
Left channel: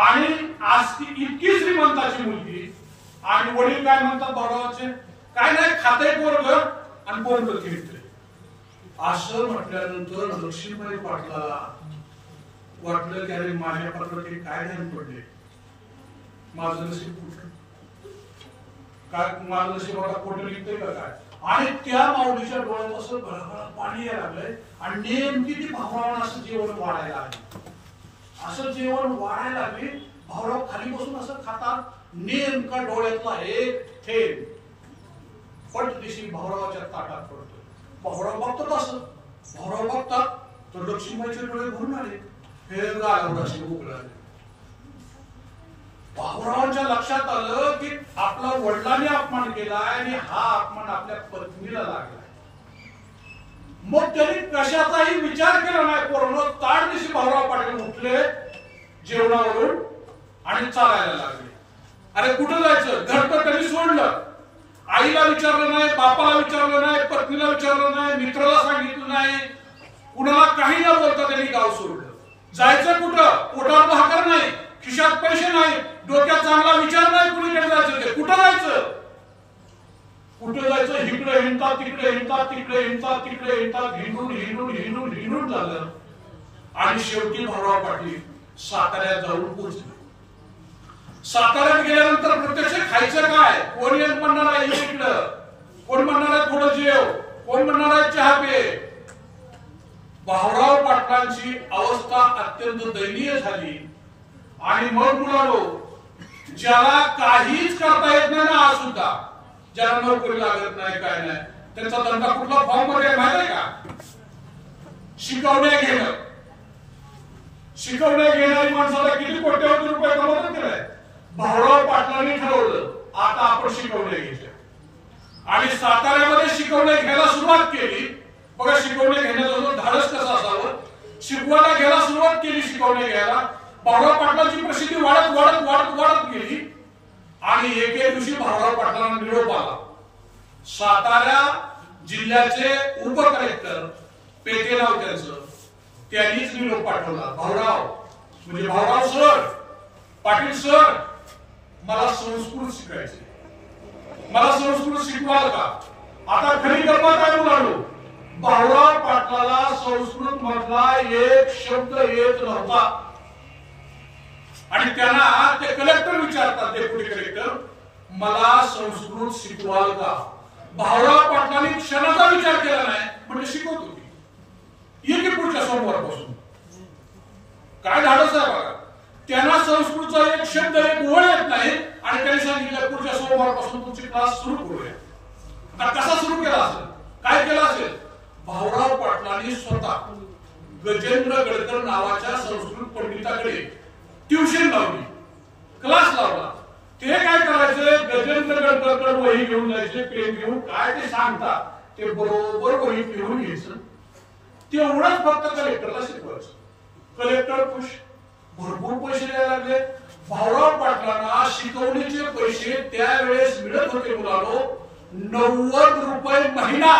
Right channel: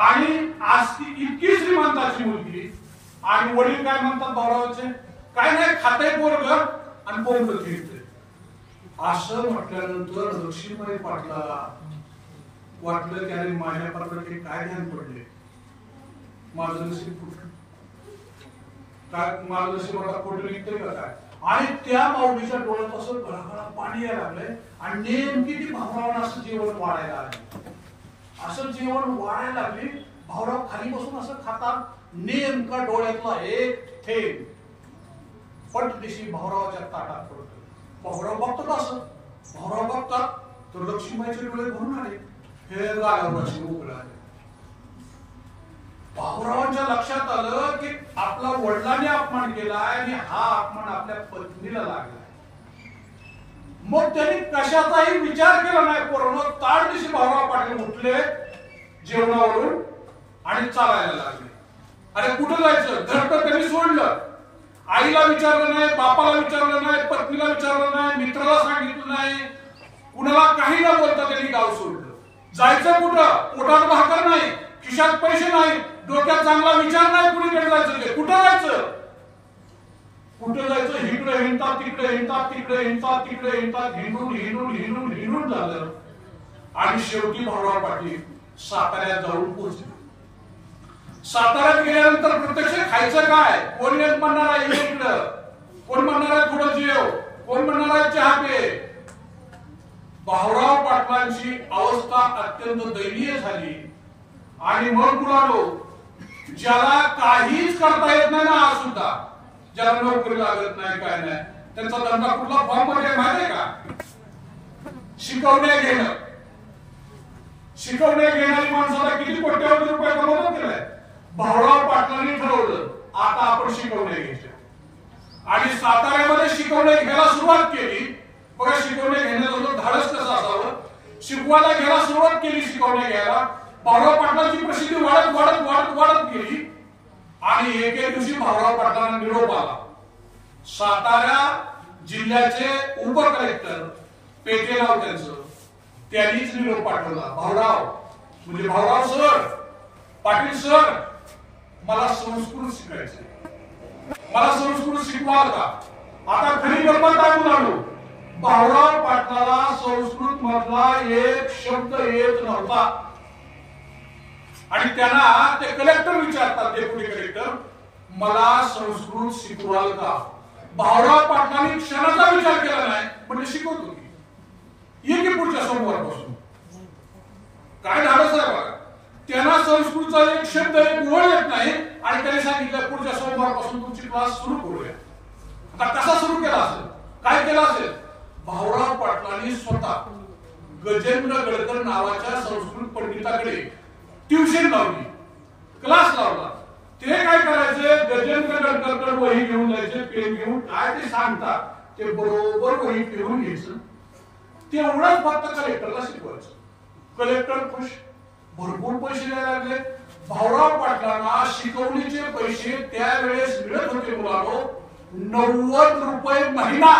आणि आज ती इतकी श्रीमंताची मुलगी आणि वडील काय म्हणतात भाऊरावाचे, काय नाही खाते पोरग आणि बोंबलं घेतले. असं म्हटल्यानंतर लक्ष्मीबाई पाटलाला वाटलं की अरे माझ्या पाटलाचे काय ध्यान पडले, माझं नशीब कुठलं, काय माझं नशीब आता कुठं निघतंय का काय. आणि त्या माऊलीच्या डोळ्यात असं घराघरा पाणी यायला लागलंय आणि नेमकी ती भाऊरावांना असं जेवण वाढायला लागली. असं जेवण वाढायला लागली. भाऊराव खाली बसून असं खातात. नेमका डोळ्यातला एक थेंब पटदिशी भाऊरावाच्या ताटात पडतो. भाऊराव बघतात असं. भाऊराव बघतात तर लक्ष्मीबाईचे डोळे भरून आले. हे गालावरची उघड आले. भाऊरावांच्या लक्षात आलं की आपला वडिलांनी अपमान केलाय आणि हा अपमान आपल्या पत्नीला लागलाय. मग त्यांनी कशाचाही विचार केला नाही. पोरांनो ताड दिवशी भाऊराव पाटील उठले जेवणावरून आणि चालायला लागले. अरे कुठं जायचं, घर तर त्यांनी सोडलं. आईला विचारलं नाही, बापाला विचारलं नाही, पत्नीला विचारलं नाही, मित्राला सांगितलं नाही, कुणाला काही न बोलता त्यांनी गाव सोडलं. जायचं कुठं, पोटात भाकर नाही, खिशात पैसे नाही, डोक्यात चांगला विचार नाही, कुणीकडे जायचं ते कुठं जायचं. कुठं जायचं, इकडे हिंडतात तिकडे हिंडतात, तिकडे हिंडतात तिकडे हिंडतात, हिंडून हिंडून हिंडून हिंडून झालं. आणि शेवटी भाऊराव पाटील साताऱ्यात जाऊन पोहोचले. साताऱ्यात गेल्यानंतर प्रत्यक्ष खायचं काय, कोण एक म्हणणार आहे इकडं, कोण म्हणणार आहे थोडं जेव, कोण म्हणणार आहे चहा पे. भाऊराव पाटलांची अवस्था अत्यंत दयनीय झाली. आणि मग म्हणालो ज्याला काहीच करता येत नाही ना, आज सुद्धा ज्याला नोकरी लागत नाही काय नाही, त्यांचा धंदा कुठला फॉर्म मध्ये माहिती आहे का, शिकवणे घेणं. शिकवणे घेणारी माणसाला किती कोट्यावधी रुपये कमवतात केलाय. भाऊराव पाटलांनी ठरवलं आता आपण शिकवणे घ्यायच्या. आणि साताऱ्यामध्ये शिकवणे घ्यायला सुरुवात केली. बघा शिकवणे घेण्याचं धाडस कसं असावं. शिकवायला घ्यायला सुरुवात केली, शिकवणे घ्यायला. भाऊराव पाटलांची प्रसिद्धी वाढत वाढत वाढत वाढत गेली. आणि एक दिवशी भाऊराव पाटलांना निरोप आला. सातारा जिल्ह्याचे उप कलेक्टर पेटे नाव त्यांचं, त्यांनीच निरोप पाठवला. भाऊराव म्हणजे भाऊराव सर, पाटील सर, मला संस्कृत शिकायचे, मला संस्कृत शिकवाल का. आता खरी गंमत काय म्हणालो, भाऊराव पाटलाला संस्कृत मधला एक शब्द येत नव्हता. आणि त्यांना ते कलेक्टर विचारतात, डेप्युटी कलेक्टर, मला संस्कृत शिकवाल का. भाऊराव पाटलांनी क्षणाचा विचार केला नाही, म्हणजे शिकवतो की ये की पुढच्या सोमवारपासून. काय धाडस आहे बघा. त्यांना संस्कृतचा एक शब्द एक ओळ येत नाही आणि त्यांनी सांगितलं पुढच्या सोमवारपासून तुमची क्लास सुरू करूया. आता कसा सुरू केला असेल, काय केला असेल. भाऊराव पाटलांनी स्वतः गजेंद्र गडकर नावाच्या संस्कृत पंडिताकडे ट्युशन लावली, क्लास लावला. ते काय करायचे, गजेंद्र गडकरकडे वही घेऊन जायचे, पेन घेऊन, काय ते सांगतात ते बरोबर वही फिरवून घ्यायचं. तेवढंच फक्त कलेक्टरला शिकवायचं. कलेक्टर खुश, भरपूर पैसे द्यायला लागले. भाऊराव पाटलांना शिकवणीचे पैसे त्यावेळेस मिळत होते मुलांनो 90 रुपये महिना.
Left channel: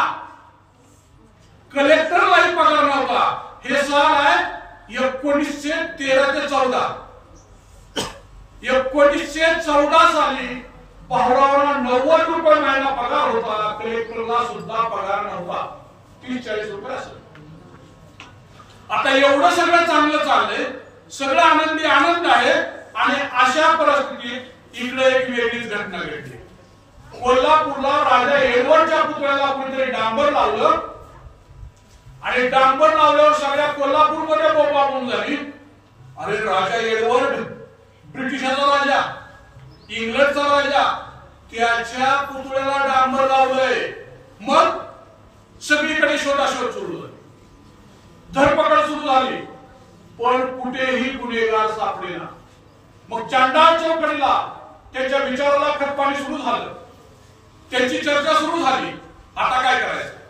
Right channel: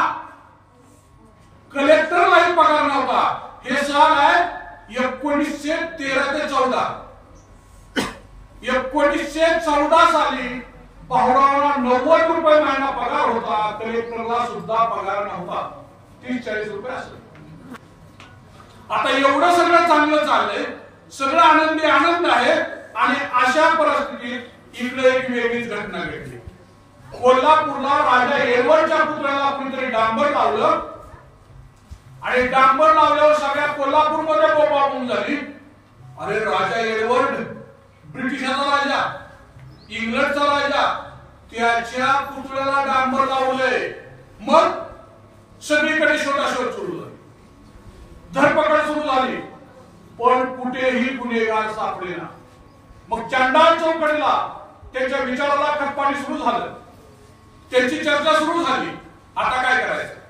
कलेक्टरलाही पगार नव्हता. हे साल आहे 1913 ते 14. 1914 साली भाऊरावांना 90 रुपये महिना पगार होता. कलेक्टरला सुद्धा पगार नव्हता, 30-40 रुपये असेल. आता एवढं सगळं चांगलं चाललंय, सगळं आनंदी आनंद आहे. आणि अशा परिस्थितीत इकडे एक वेगळीच घटना घडली. कोल्हापूरला राजा एडवर्डच्या पुतळ्याला कोणीतरी डांबर लावलं आणि डांबर लावल्यावर सगळ्या कोल्हापूरमध्ये बोंबाबोंब झाली. अरे राजा एडवर्ड, ब्रिटिशाचा राजा, इंग्लंडचा राजा, त्याच्या पुतळ्याला डांबर लावलंय. मग सगळीकडे शोधाशोध सुरू झाली, धरपकड सुरू झाली, पण कुठेही गुन्हेगार सापडेना. मग चांडाळ चौकडीला त्याच्या विचाराला खतपाणी सुरू झालं, त्याची चर्चा सुरू झाली. आता काय करायचं,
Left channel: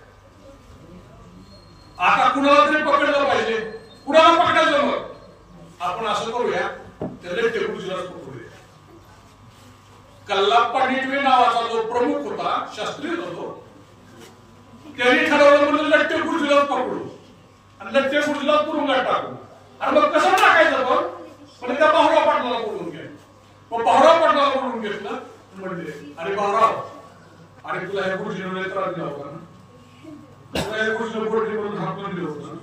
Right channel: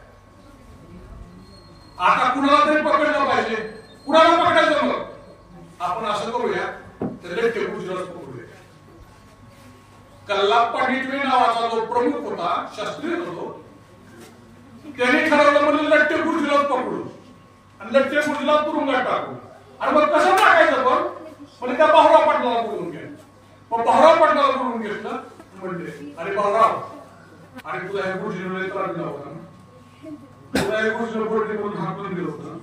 आता कुणाला तरी पकडलं पाहिजे. कुणाला पकडायचं, मग आपण असं करूया, त्याला टेबुललाच पकडूया. कल्लाप्पा डिटवे नावाचा जो प्रमुख होता, शास्त्रीय होतो, त्यांनी ठरवलं म्हणजे लट्टे गुरुजीलाच पकडू आणि लट्टे गुरुजीला तुरुंगात टाकू. आणि मग कसं टाकायचं, पण त्या भाऊराव पाटलाला बोलून घे. मग भाऊराव पाटलाला बोलून घेतलं, म्हणले अरे भाऊराव, अरे तुला हे गुरुजीने त्रास दिला होता ना, तुला एक गोष्ट बोलली करून हाकलून दिलं होतं,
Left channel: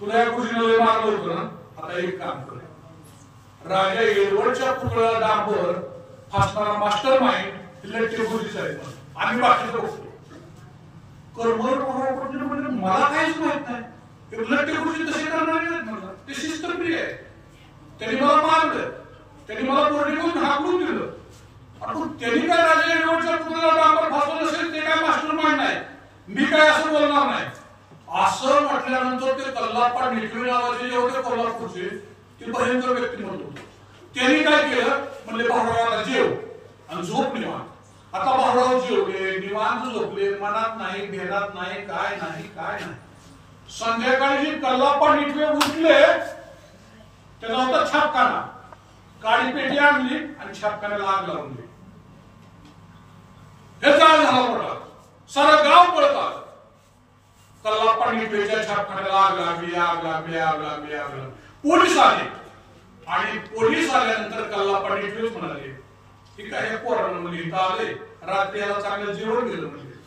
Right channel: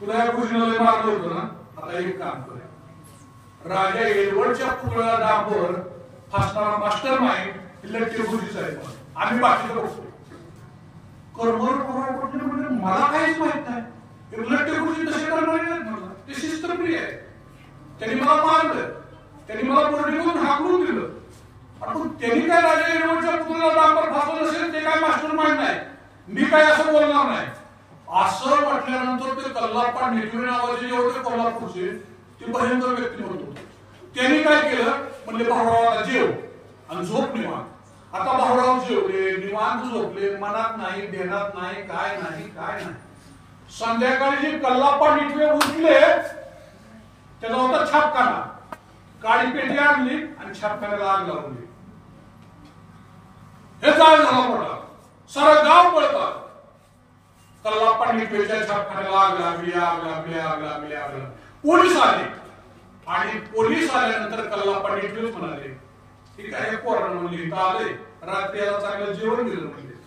तुला एक गोष्टीने मारलं होतं ना. आता एक काम कर, राजा एडवर्डच्या पुतळ्याला डांबर फासणारा मास्टर माइंड लट्टे गुरुजीचा आहे, आम्ही बाकीचं बघतो. कर्मवर पकडलं म्हणजे मला काहीच माहित नाही. लट्टे गुरुजी तसे करणारे नाहीत, मला ते शिस्तप्रिय आहे. त्यांनी मला मारलं, त्यांनी मला बोर्डिंगून हाकलून दिलं. आपण त्यांनी काय राजा एडवर्डच्या पुतळ्याला डांबर फासलं नसेल ते काय मास्टर माइंड नाही, मी काय असं बोलणार नाही. असं म्हटल्यानंतर ते कल्लाप्पा निटवे नावाचे जेवढे कोल्हापूरचे ते भयंकर व्यक्तिमत्व होते. त्यांनी काय केलं म्हणजे भाऊरावाला जेव आणि झोप निवांत. आता भाऊराव जेवले, निवांत झोपले, मनात नाही, भेनात नाही, काय नाही काय नाही. संध्याकाळी जे कल्लाप्पा निटवे उठले त्याला होता छापखाना, काळी पेटी आणली आणि छापखान्याला आग लावून दिली. हे जाळ झाला मोठा, सारं गाव पळत आलं. कल्लाप्पा निटवेच्या छापखान्याला आग लागली, आग लागली, आग लागली, आग लागली. पोलीस आले आणि पोलीस आल्यानंतर कल्लाप्पा निटवेच म्हणाले की काय पोरांना म्हणजे इथं आले, रात्री याला चांगलं जेवण दिलं म्हणले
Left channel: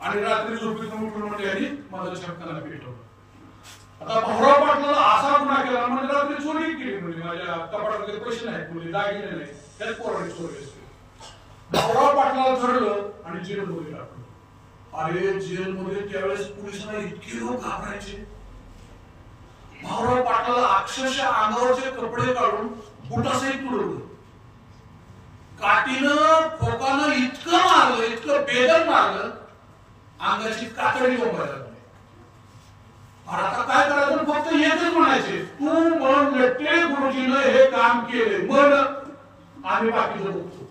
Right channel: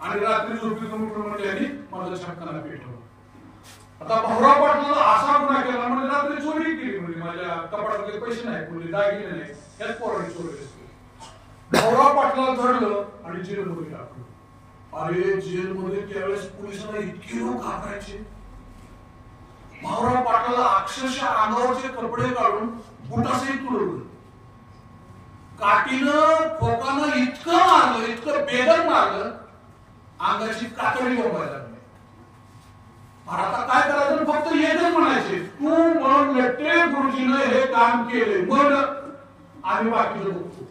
आणि रात्री झोपेतून उठून म्हणले आणि माझं छापखाना पेटवलं. आता भाऊराव पाटलाला असा गुन्हा केला म्हणजे रात्री चोरी केली, म्हणजे माझ्या कपाटामध्ये पैसे नाहीत, म्हणजे दागिने नाही, त्याच पोरांनी चोरी असते. भाऊराव पाटलाला धरलं आणि जेलमध्ये टाकलं. अरे जेलमध्ये त्यावेळेस पोलिसांना इतके लोक घाबरायचे. भाऊराव पाटलाला अक्षरशः अंगावरचे कपडे काढून बुटासहित तुडवलं. काठीनं फोकानं इतकं मारलं, इतकं बेदम मारलं, अंगाची कातडी बोंबायला लागली. आता काय करायचं, फक्त येतच म्हणायचे तू म्हणून लट्टे गुरुजीनं हे काम केले, म्हण आम्ही बाकीचं बघतो.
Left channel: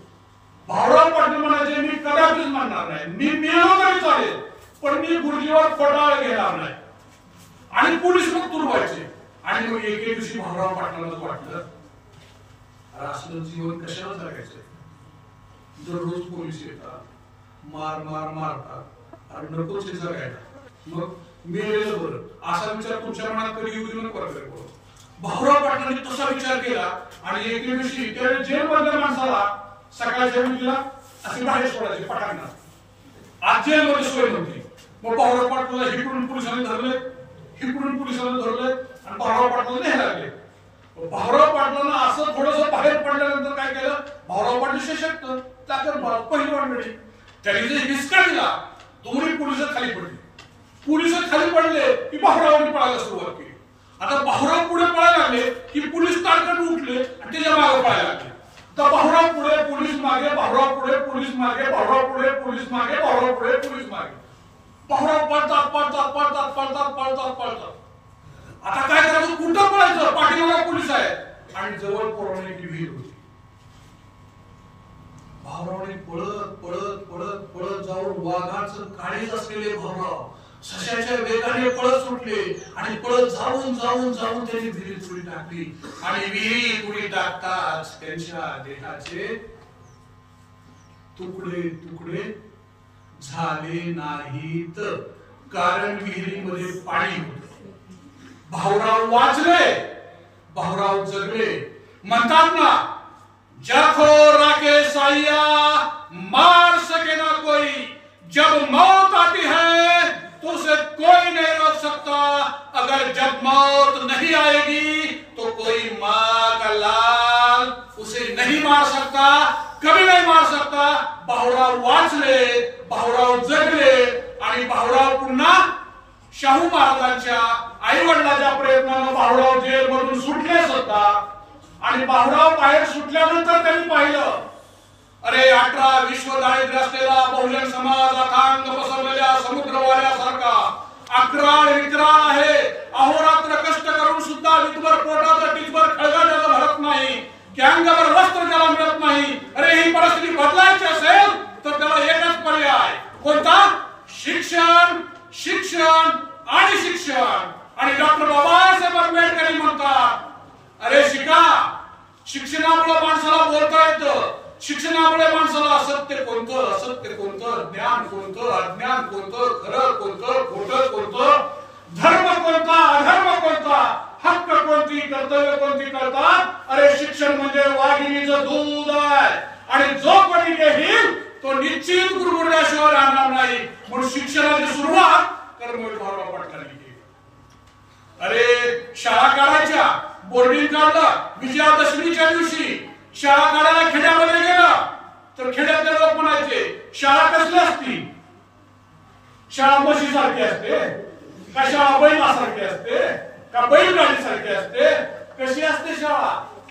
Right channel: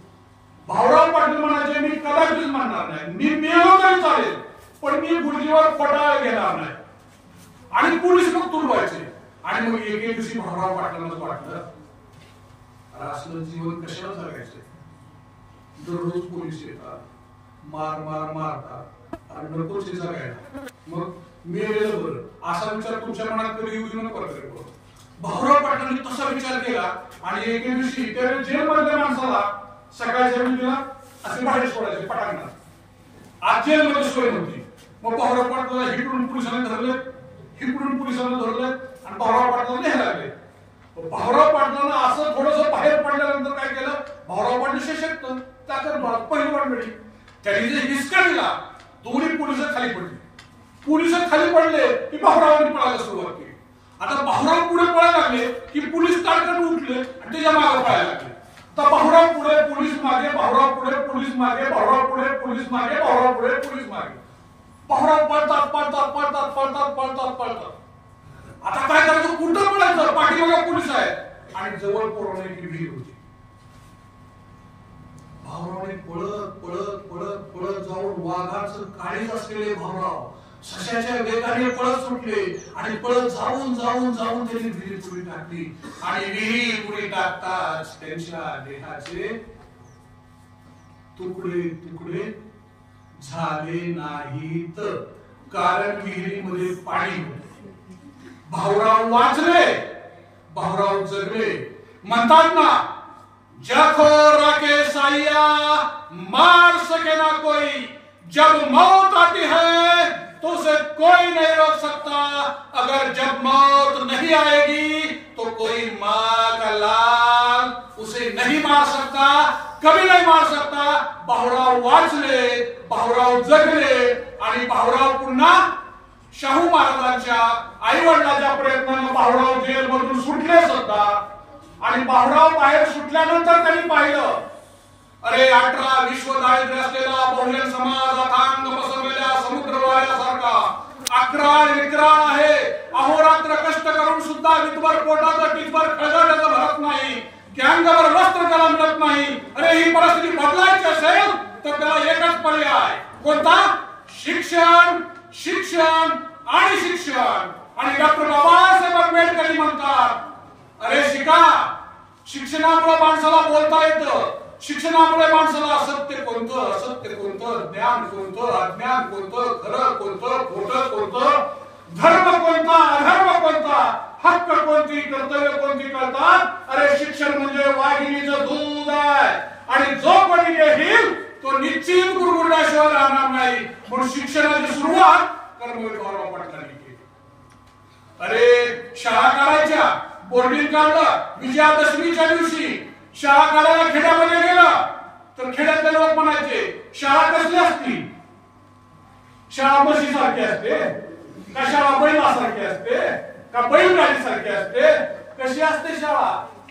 भाऊराव पाटील म्हणायचे मी कदाचित मानणार नाही, मी मेलो तरी चालेल पण मी गुरुजीवर पडाळ घेणार नाही. आणि पोलीस मग तुडवायचे. आणि मग एक दिवशी भाऊराव पाटलांनाच वाटलं असलं जीवन कशाला जगायचंय. दररोज पोलीस येतात, मार मार मारतात आणि नकोच हे जगायला, मग मेलेलं बरं असा विचार तुमच्या मनात कधी येऊ देऊ नका. भाऊराव पाटलांनी तसा विचार केला आणि एके दिवशी त्या जेलमधल्या माणसाला सकाळच्या वेळेला असे बाहेर सोडायचे पटांगणात. आज जेलमध्ये सोय नव्हती. मग भाऊराव पाटलाला हिकडून पोलिसांनी धरले, हिकडून पोलिसांना धरले आणि भाऊराव पाटलाला न्यायला लागले. भाऊराव पाटलांना असं थोडंसं बाहेर पडल्यानंतर काय केलं, भाऊराव पाटील सशक्त, त्याच्या पहिली मंडळी त्यांनी जे हिसका दिला, दोन्ही पोलिस खाली पडले. पोलिस खाली पडले की भाऊरावांनी पळायला सुरुवात केली. आता भाऊराव पुढे पळायला लागले की पोलीस ताडकन उठले आणि त्याच्या मागे पळायला लागले. तर भाऊराव पुढे पोलीस मागे, भाऊराव पुढे पोलीस मागे, भाऊराव पुढे पोलीस मागे, भाऊराव पुढे पोलीस मागे. भाऊराव पळतात पळतात पळतात पळतात पळतात पळतात. आता काय करायचं, कुठं पळायचं, पाठीमागे पोलीस आहेत आणि जवळ पोरावण्याची विहीर होती. भाऊरावने पळत पळत पळत पळत जाऊन वाघाचं काळीज असलेले भाऊराव सशाच्या वेगाने पळत सुटले आणि पळत जाऊन जाऊन जाऊन त्यांनी विहिरीत उडी टाकली. आणि विहिरीत उडी टाकताच त्यांच्या देहाचे तुकडे तुकडे झाले नाहीत, कारण विहिरीमध्ये पाणी होते. भाऊराव वाचले, भाऊराव जगले. म्हणतात ना, जाखो राके साइया मार सके ना कोई, जब मौत आती है तो उसे कोई नहीं रोक सकता, अगर जब मौत नहीं आएगी तो कोई माँ का लाल उसे नहीं मार सकता, कभी नहीं मार सकता. भाऊराव वाचले, भाऊराव जगले आणि भाऊराव पुन्हा शाहू महाराजांच्या आई वडिलांच्या प्रयत्नानं भाऊराव जेलमधून सुटले सुद्धा. आणि भाऊराव बाहेर सुटल्यानंतर त्यांनी पाहिलं, अरे 18 विश्व दारिद्र्य असलेला बहुजन समाज अथांग पसरलेल्या समुद्रवाऱ्यासारखा अकराळ विकराळ आहे. अहोरात्र कष्ट करून सुद्धा विधभर पोटाचं टिकभर खळगाट्याचं भरत नाही, गँगवर वस्त्र त्याला मिळत नाही. अरे ही परिस्थिती बदलायची असेल तर त्याला एकच पर्याय, कोणता? शिक्षण, शिक्षण आणि शिक्षण. आणि डॉक्टर बाबासाहेब आंबेडकर म्हणतात, अरे शिका, शिक्षणामुळे माणसाला बोलता येतं, शिक्षणामुळे माणसाला सत्य कोणतं, असत्य कोणतं, ज्ञान कोणतं, अज्ञान कोणतं, खरं कोणतं, खोटं कोणतं, धर्म कोणता, अधर्म कोणता, हक्क कोणती, कर्तव्य कोणती कळतात. अरे शिक्षण म्हणजे वाघिणीचं दूध आहे आणि जो कोणी घेईल तो निश्चित गुरगुरल्याशिवाय राहणार नाही. नाही म्हणून शिक्षणाची सुरुवात कर्मवीर भाऊराव पाटलांनी केली. अरे शाळा काढायच्या, बोर्डिंग काढलं, विजयादशमीच्या दिवशी शाळा काढायला खेड्यामध्ये गेलं तर खेड्यातले लोक म्हणायचे शाळा कसली असती, शाळा म्हशी सारखी असते का, शाळा बैलासारखी असते का, बैलगाडी सारखी असते, कशी असते शाळा,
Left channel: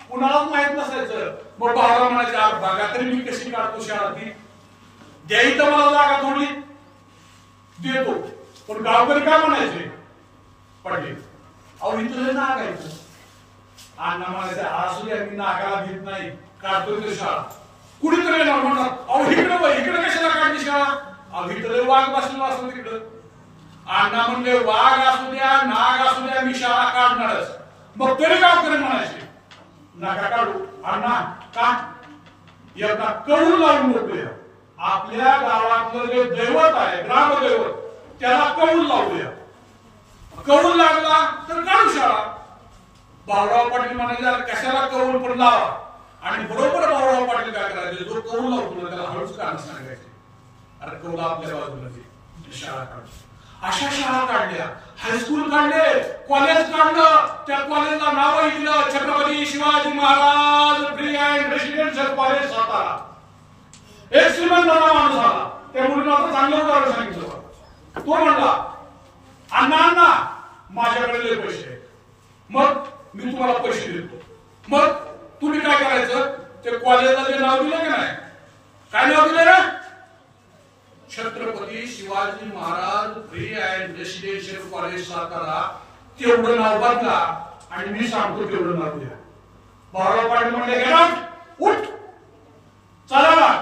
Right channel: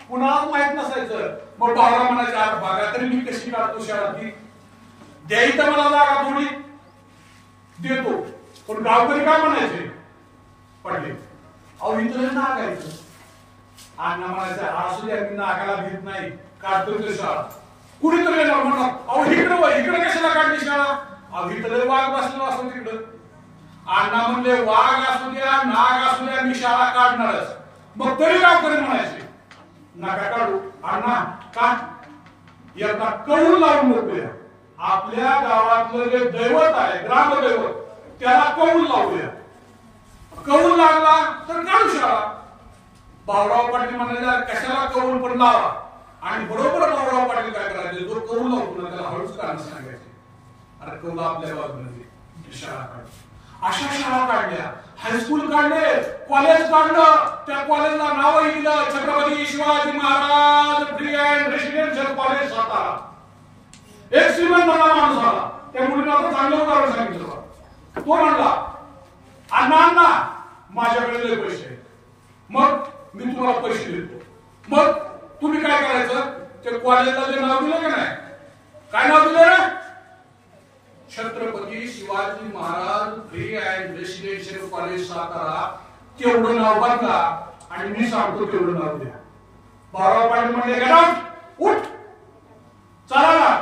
कुणालाच माहित नसायचं. मग भाऊराव म्हणायचे आठ भागा तरी मी कशी काढतो शाळा, ती द्यायची तर मला जागा थोडी देतो. पण गावकरी काय म्हणायचे, पडले अहो इथं नागायचं. अण्णा म्हणायचे असू द्या मी नागाला घेत नाही, काढतो तो शाळा. कुणीतरी म्हणतात अहो इकडे कशाला काढली शाळा, अहो इकडे वाघ बसलेला असतो तिकडं. अण्णा म्हणले वाघ असू द्या नाग असू द्या मी शाळा काढणारच. मग तरी गावकरी म्हणायचे नका काढू. अण्णा का, एकदा कौल लावून बघूया, आपल्या गावातलं जे दैवत आहे ग्रामदैवत त्याला कौल लावूया, कौल लागला तर काढू शाळा. भाऊराव पाटील म्हणाले कशाला कौल पण लावा. आणि बरोबर भाऊराव पाटील काय करायचे, जो कौल लावतो त्याला हळूच काढणं सांगायचे, अरे कौल आपल्या बाजूला शाळा काढू. अशा शाळा काढल्या, हायस्कूल काढले, कॉलेज काढलं, त्या कॉलेजला नाव दिलं Chhatrapati Shivaji Maharaj pre and residential college Satara. एक श्रीमंत माणूस आला, त्या मुलीला चांगलं उदाहरण सांगितलं. तो म्हणला अण्णा माझ्याकडे पैसे, मग मी तुम्हाला पैसे देतो, मग तुम्ही काय करायचं, ते कॉलेजला जे नाव दिलं का नाही, काय नाव दिलं ना, Chhatrapati Shivaji Maharaj pre and residential college Satara. तेवढं नाव बदला आणि मी सांगतो तेवढं नाव द्या. भाऊराव पाटील म्हणले उठ चला.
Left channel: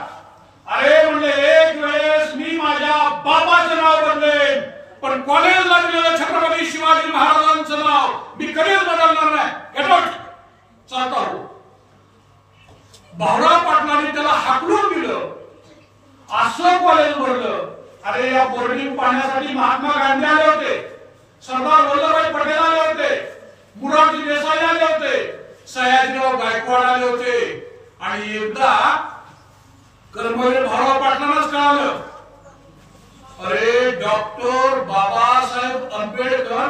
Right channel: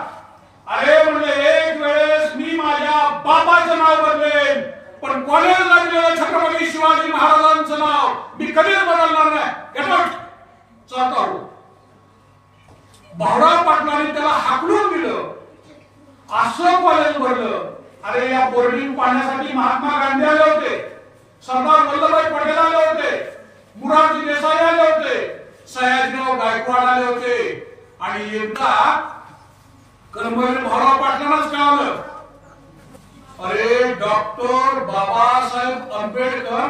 अरे म्हणले एक वेळेस मी माझ्या बाबाचं नाव बदलेन पण कॉलेजला दिलेलं छत्रपती शिवाजी महाराजांचं नाव मी कधीच बदलणार नाही. Get out. चालता हो. भाऊराव पाटलांनी त्याला हाकलून दिलं, असं कॉलेज भरलं. अरे या बोर्डिंग पाहण्यासाठी महात्मा गांधी आले होते, सरदार वल्लभभाई पटेल आले होते, मुरारजी देसाई आले होते, सयाजीराव गायकवाड आले होते. आणि एकदा कर्मवीर भाऊराव पाटलांनाच कळालं, अरे डॉक्टर बाबासाहेब आंबेडकर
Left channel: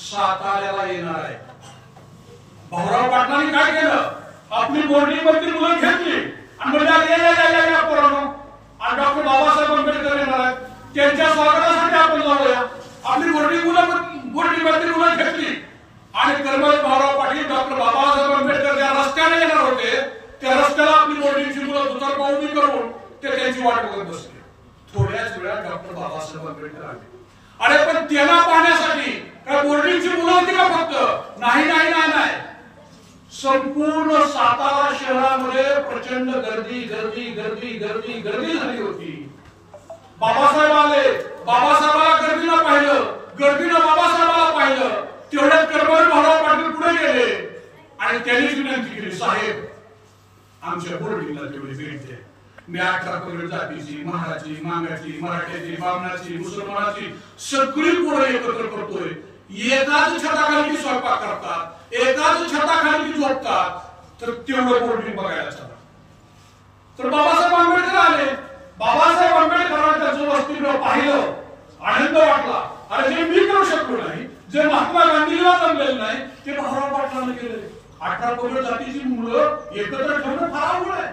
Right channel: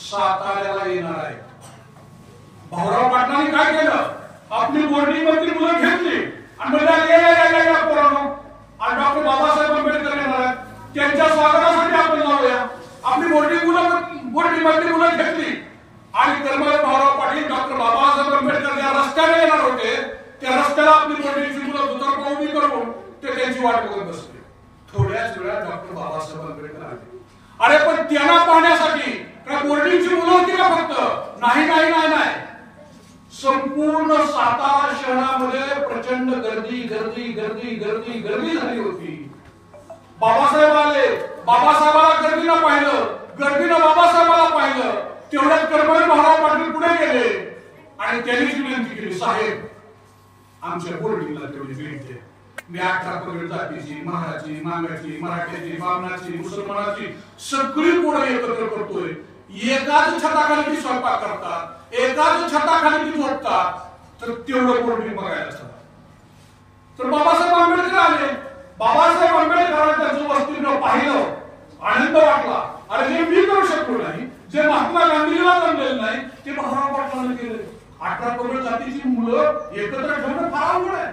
साताऱ्याला येणार आहे. भाऊराव पाटलांनी काय केलं, आपली बोर्डिंग वरती मुलं घेतली आणि डॉक्टर बाबासाहेब आंबेडकर येणार आहेत, त्यांच्या स्वागतासाठी आपण जाऊया. आपली बोर्डिंग मुलं घेतली आणि कर्मवीर भाऊराव पाटील डॉक्टर बाबासाहेब आंबेडकर ज्या रस्त्याने येणार होते त्या रस्त्याला आपली बोर्डिंगची मुलं दुतर्फा उभी करून ते त्यांची वाट बघत बसले. थोड्याच वेळात डॉक्टर बाबासाहेब आंबेडकर आले. अरे पण त्यांना पाहण्यासाठी काय बोर्डिंगची मुलं होती का फक्त, नाही नाही नाही नाही, संपूर्ण सातारा शहरामध्ये प्रचंड गर्दी गर्दी गर्दी गर्दी गर्दी झाली होती. बाबासाहेब आले, बाबासाहेबाला गर्दीनं पाहिलं, गर्दीनं बाबासाहेबाला पाहिलं. तेवढ्यात कर्मवीर भाऊराव पाटील पुढे गेले आणि त्यांनीच विनंती केली, साहेब आमच्या बोर्डिंगला तेवढी भेट द्या. मी 18 पगड जातीची, महाराची, मांगाची, मराठ्याची, बामणाची, मुसलमानाची सगळी पोरं एकत्र करतोय. एकाच छताखाली स्वयंपाक करतात, एकाच छताखाली झोपतात, तर तेवढं बोर्डिंग बघायला चला. तर बाबासाहेब आंबेडकर आले. बाबासाहेब आंबेडकरांनी त्याचं वसतिगृह पाहिलं, आनंद वाटला. अरे जे मी करू शकलो नाही, जे महात्मा गांधीला जमलेलं नाही, ते भाऊराव पाटलांनी केले. 18 पगड जातीची मुलं एकत्र ठेवणं फार अवघड आहे,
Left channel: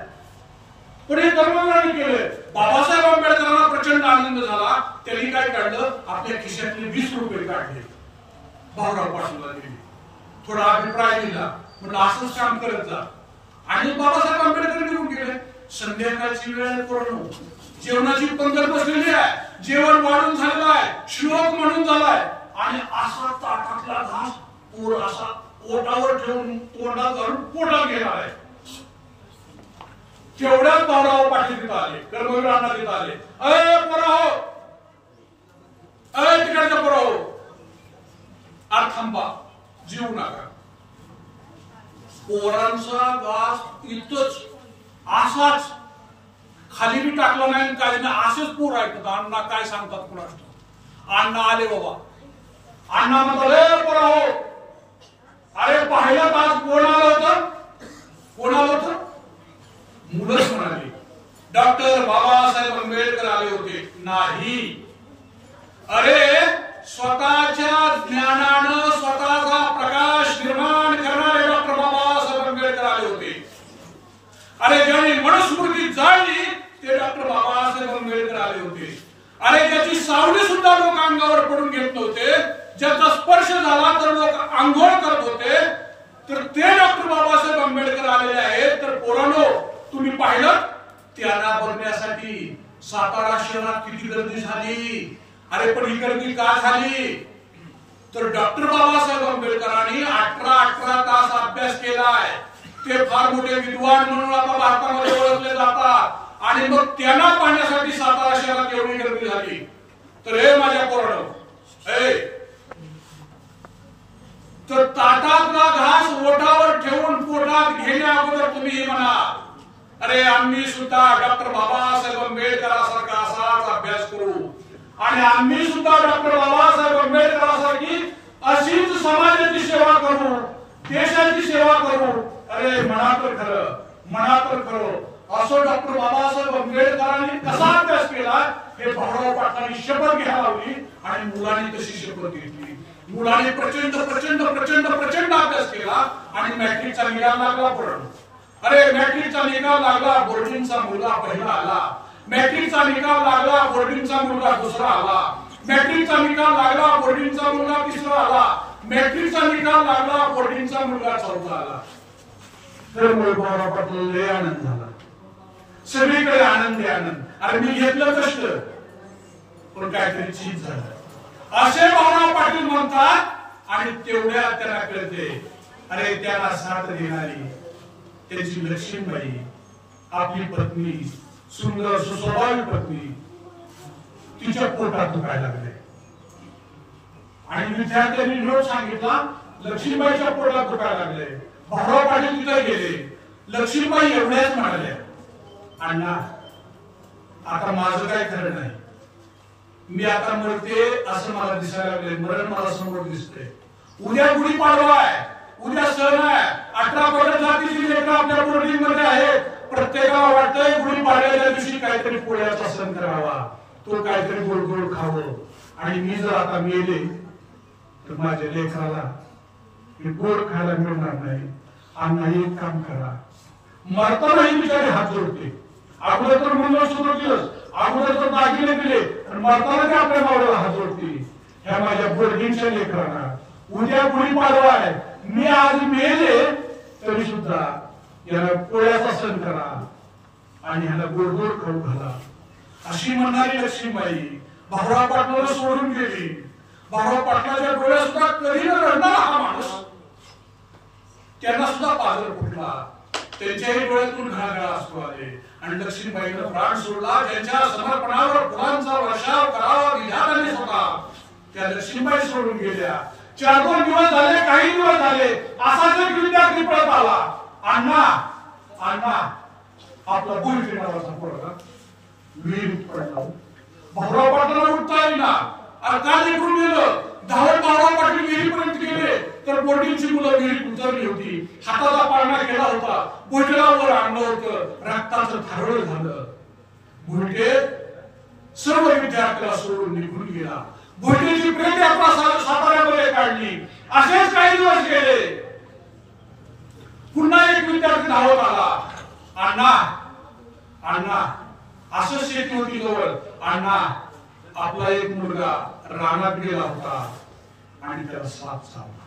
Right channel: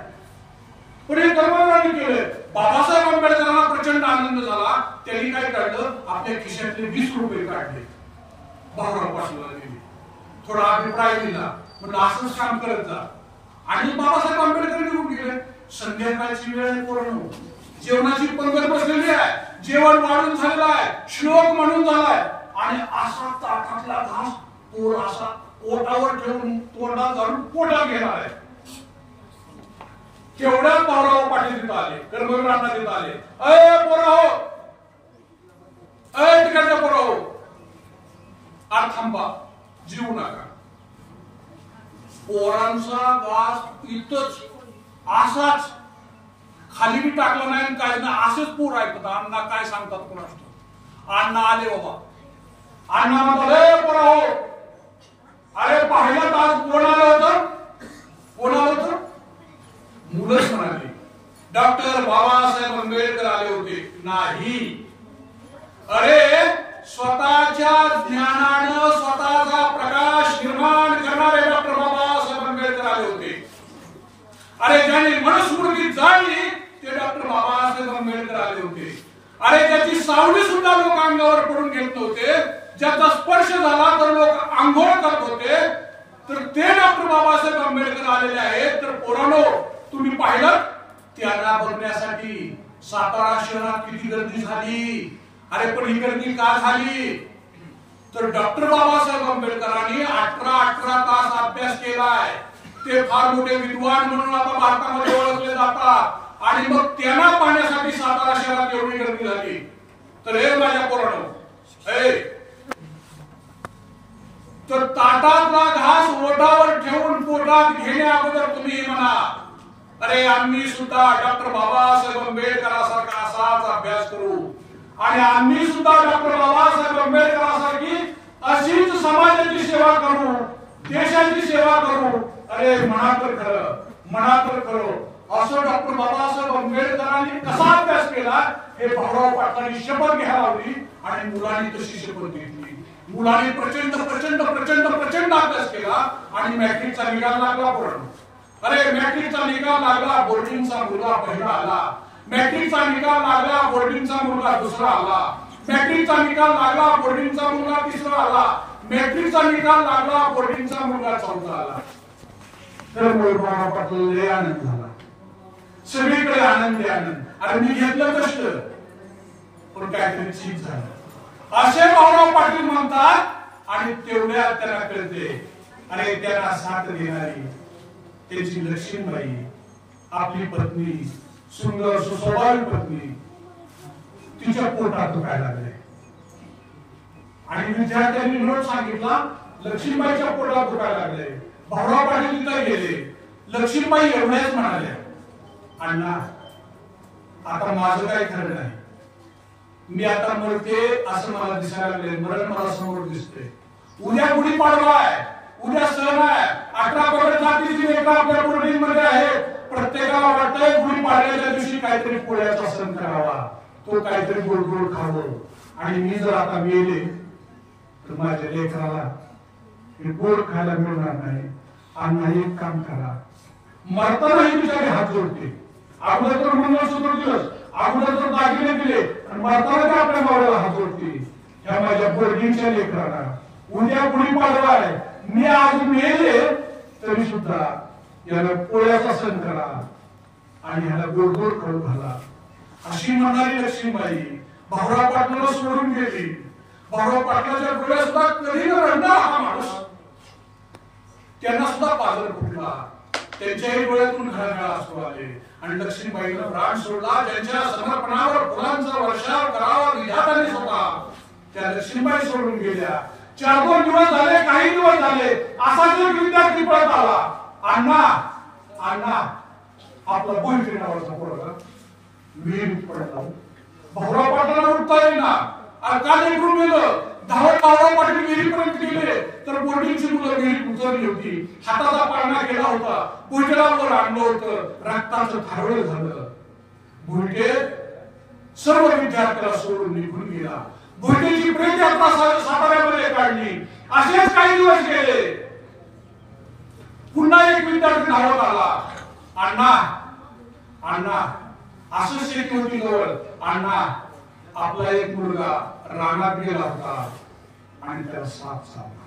पण हे कर्मवीरांनी केले. बाबासाहेब आंबेडकरांना प्रचंड आनंद झाला. त्यांनी काय काढलं, आपल्या खिशातले 20 रुपये काढले, भाऊराव पाटलांना दिले, थोडा अभिप्राय दिला, म्हणजे असंच काम करत जा. आणि बाबासाहेब आंबेडकर निघून गेले. संध्याकाळची वेळ पूर्ण, जेवणाची पंगत बसलेली आहे, जेवण वाढून झालेलं आहे, श्लोक म्हणून झालाय आणि असा ताटातला घास पोर असा पोटावर ठेवून तोंडात घालून पोटात घेणार आहे. तेवढ्याच भाऊराव पाटील तिथं आले, कर्मवीरांना तिथं आले. अय पोराहो, अय तिकडच्या पोराहो, आज थांबा, जीव नका. पोरांचा घास इथंच असाच खाली बी टाकलं नाही काय नाही, असेच पोर ऐकतात. अण्णा काय सांगतात कुणास. अण्णा आले बाबा. अण्णा म्हणतात, अय पोराहो, अरे पाहिलं आज कोण आलं होतं, कोण आलं होतं, मुलंच म्हणाली. डॉक्टर बाबासाहेब आंबेडकर आले होते? नाही. अरे स्वतःच्या ज्ञानानं स्वतःचा प्रकाश निर्माण करणारे डॉक्टर बाबासाहेब आंबेडकर आले होते. अरे ज्याने मनुस्मृती जाणली ते डॉक्टर बाबासाहेब आंबेडकर आले होते. अरे ज्याची सावली सुद्धा लोक अंगावर पडून घेत नव्हते, ज्याचा स्पर्श झाला तर लोक आंघोळ करत होते, तर ते डॉक्टर बाबासाहेब आंबेडकर आलेले आहेत. तर पोरांनो, तुम्ही पाहिलं त्यांना बघण्यासाठी सातारा शहरात किती गर्दी झाली. अरे पण ही गर्दी का झाली? तर डॉक्टर बाबासाहेब आंबेडकरांनी 18 तास अभ्यास केलाय. ते फार मोठे विद्वान म्हणून आता भारतामध्ये ओळखले जातात. आणि मग त्यांना पाहण्यासाठी सातारा शहरात एवढी गर्दी झाली. तर हे माझ्या पोरांनो, तर ताटातला घास ओठावर ठेवून पोटात घेण्या अगोदर तुम्ही म्हणा, अरे आम्ही सुद्धा डॉक्टर बाबासाहेब आंबेडकरांसारखा असाच अभ्यास करू आणि आम्ही सुद्धा डॉक्टर बाबासाहेब आंबेडकरांसारखी अशीच समाजाची सेवा करू, देशाची सेवा करू. अरे म्हणा तर खरं, म्हणा तर खरं. असं डॉक्टर बाबासाहेब आंबेडकरांनी कसा अभ्यास केला हे भाऊराव पाटलांनी शपथ घ्यायला लावली आणि मुलांनी तशी शपथ घेतली. मुलांनी प्रचंड प्रचंड प्रचंड प्रचंड अभ्यास केला आणि मॅट्रिकचा निकाल लागला. पण अरे मॅट्रिकचा निकाल लागला, बोर्डिंगचा मुलगा पहिला आला. मॅट्रिकचा निकाल लागला, बोर्डिंगचा मुलगा दुसरा आला. मॅट्रिकचा निकाल लागला, बोर्डिंगचा मुलगा तिसरा आला. मॅट्रिकचा निकाल लागला, बोर्डिंगचा मुलगा चौथा आला. तर भाऊराव पाटील लय आनंद झाला, सगळीकडे आनंद आनंद. अरे मी घेतलं कष्ट पण काहीतरी चीज झालं असे भाऊराव पाटील म्हणतात. आणि तेवढ्या त्यांना कळते, अरे त्यांना साथ देणारी त्याची लक्ष्मीबाई, आपली पत्नी, सुंदर सुस्वभावी पत्नी, तिच्या पोटात दुखायला लागले. आणि विद्यार्थ्यांनी नोट सांगितला, लक्ष्मीबाईच्या पोटात दुखायला लागले. भाऊराव पाटील तिथे गेले. लक्ष्मीबाई एवढ्याच म्हणाल्या, अण्णा आता माझं काय खरं नाही, मी आता मरते असं मला दिसायला लागले, मरण मला समोर दिसते. उद्या गुढीपाडवा आहे, उद्या सण आहे, 18 कोटी जातीची लेकरं आपल्या बोर्डिंग मध्ये आहेत. प्रत्येकाला वाटतंय गुढीपाडव्याच्या दिवशी काहीतरी पोळ्याचा सण करावा, तो काहीतरी गोड गोड खावं. आणि मी जर आता मेले तर माझ्या लेकराला हे गोड खायला मिळणार नाही. अण्णा एक काम करा, मरतानाही बिचारे हात जोडते. अगोदर तर मंगळसूत्र दिलंच, अगोदर तर दागिने दिले, आणि मरताना ते आपल्या मावळ्याला हात जोडते. ह्या माझ्या बोर्डिंगच्या लेकरांना उद्या गुढीपाडवा आहे, मी आज मेले तरी सुद्धा याला पोळ्याचा सण करा आणि ह्याला गोड गोड खाऊ घाला. अशी म्हणणारी लक्ष्मीबाई भाऊराव पाटलाला सोडून गेली. भाऊराव पाटलाच्या डोळ्यात सुद्धा कधी न रडणारा हा माणूस, त्यांना सुद्धा पाजर फुटला, त्यांच्याही डोळ्यातून घळघळ अश्रू आले. आणि लक्ष्मीबाईनं प्राण सोडला. ज्यांच्या समर्पणावर फुलांचा वर्षाव करावा विधात्याने स्वतः, त्या लक्ष्मीबाई सोडून गेल्या. 4-2 दिवस झाले, काही दिवस झाले, असाच एक विद्यार्थी पळत आला, अण्णा अण्णा आपला भुईटे नावाचा पोरगा विहिरीत पडला. भाऊराव पाटलाला उठता येईना, काय इकडून गेलं. धावत भाऊराव पाटील विहिरीपर्यंत गेले तर बोर्डिंगची मुलं विहिरीत उतरली होती. हाताचा पाळणा केला होता, भुईटेवर आणलं होतं, रक्ताचं थारोळ झालं. भुईटे सर्व विद्यार्थ्याला सोडून निघून गेला. भुईटेची प्रेत यात्रा साताऱ्यामध्ये काढली. असेच काही दिवस गेले. पुन्हा एक विद्यार्थी धावत आला, अण्णा अण्णा असं शेती होती जवळ, अण्णा आपला एक मुलगा रानात गेला होता आणि त्याला साप चावला.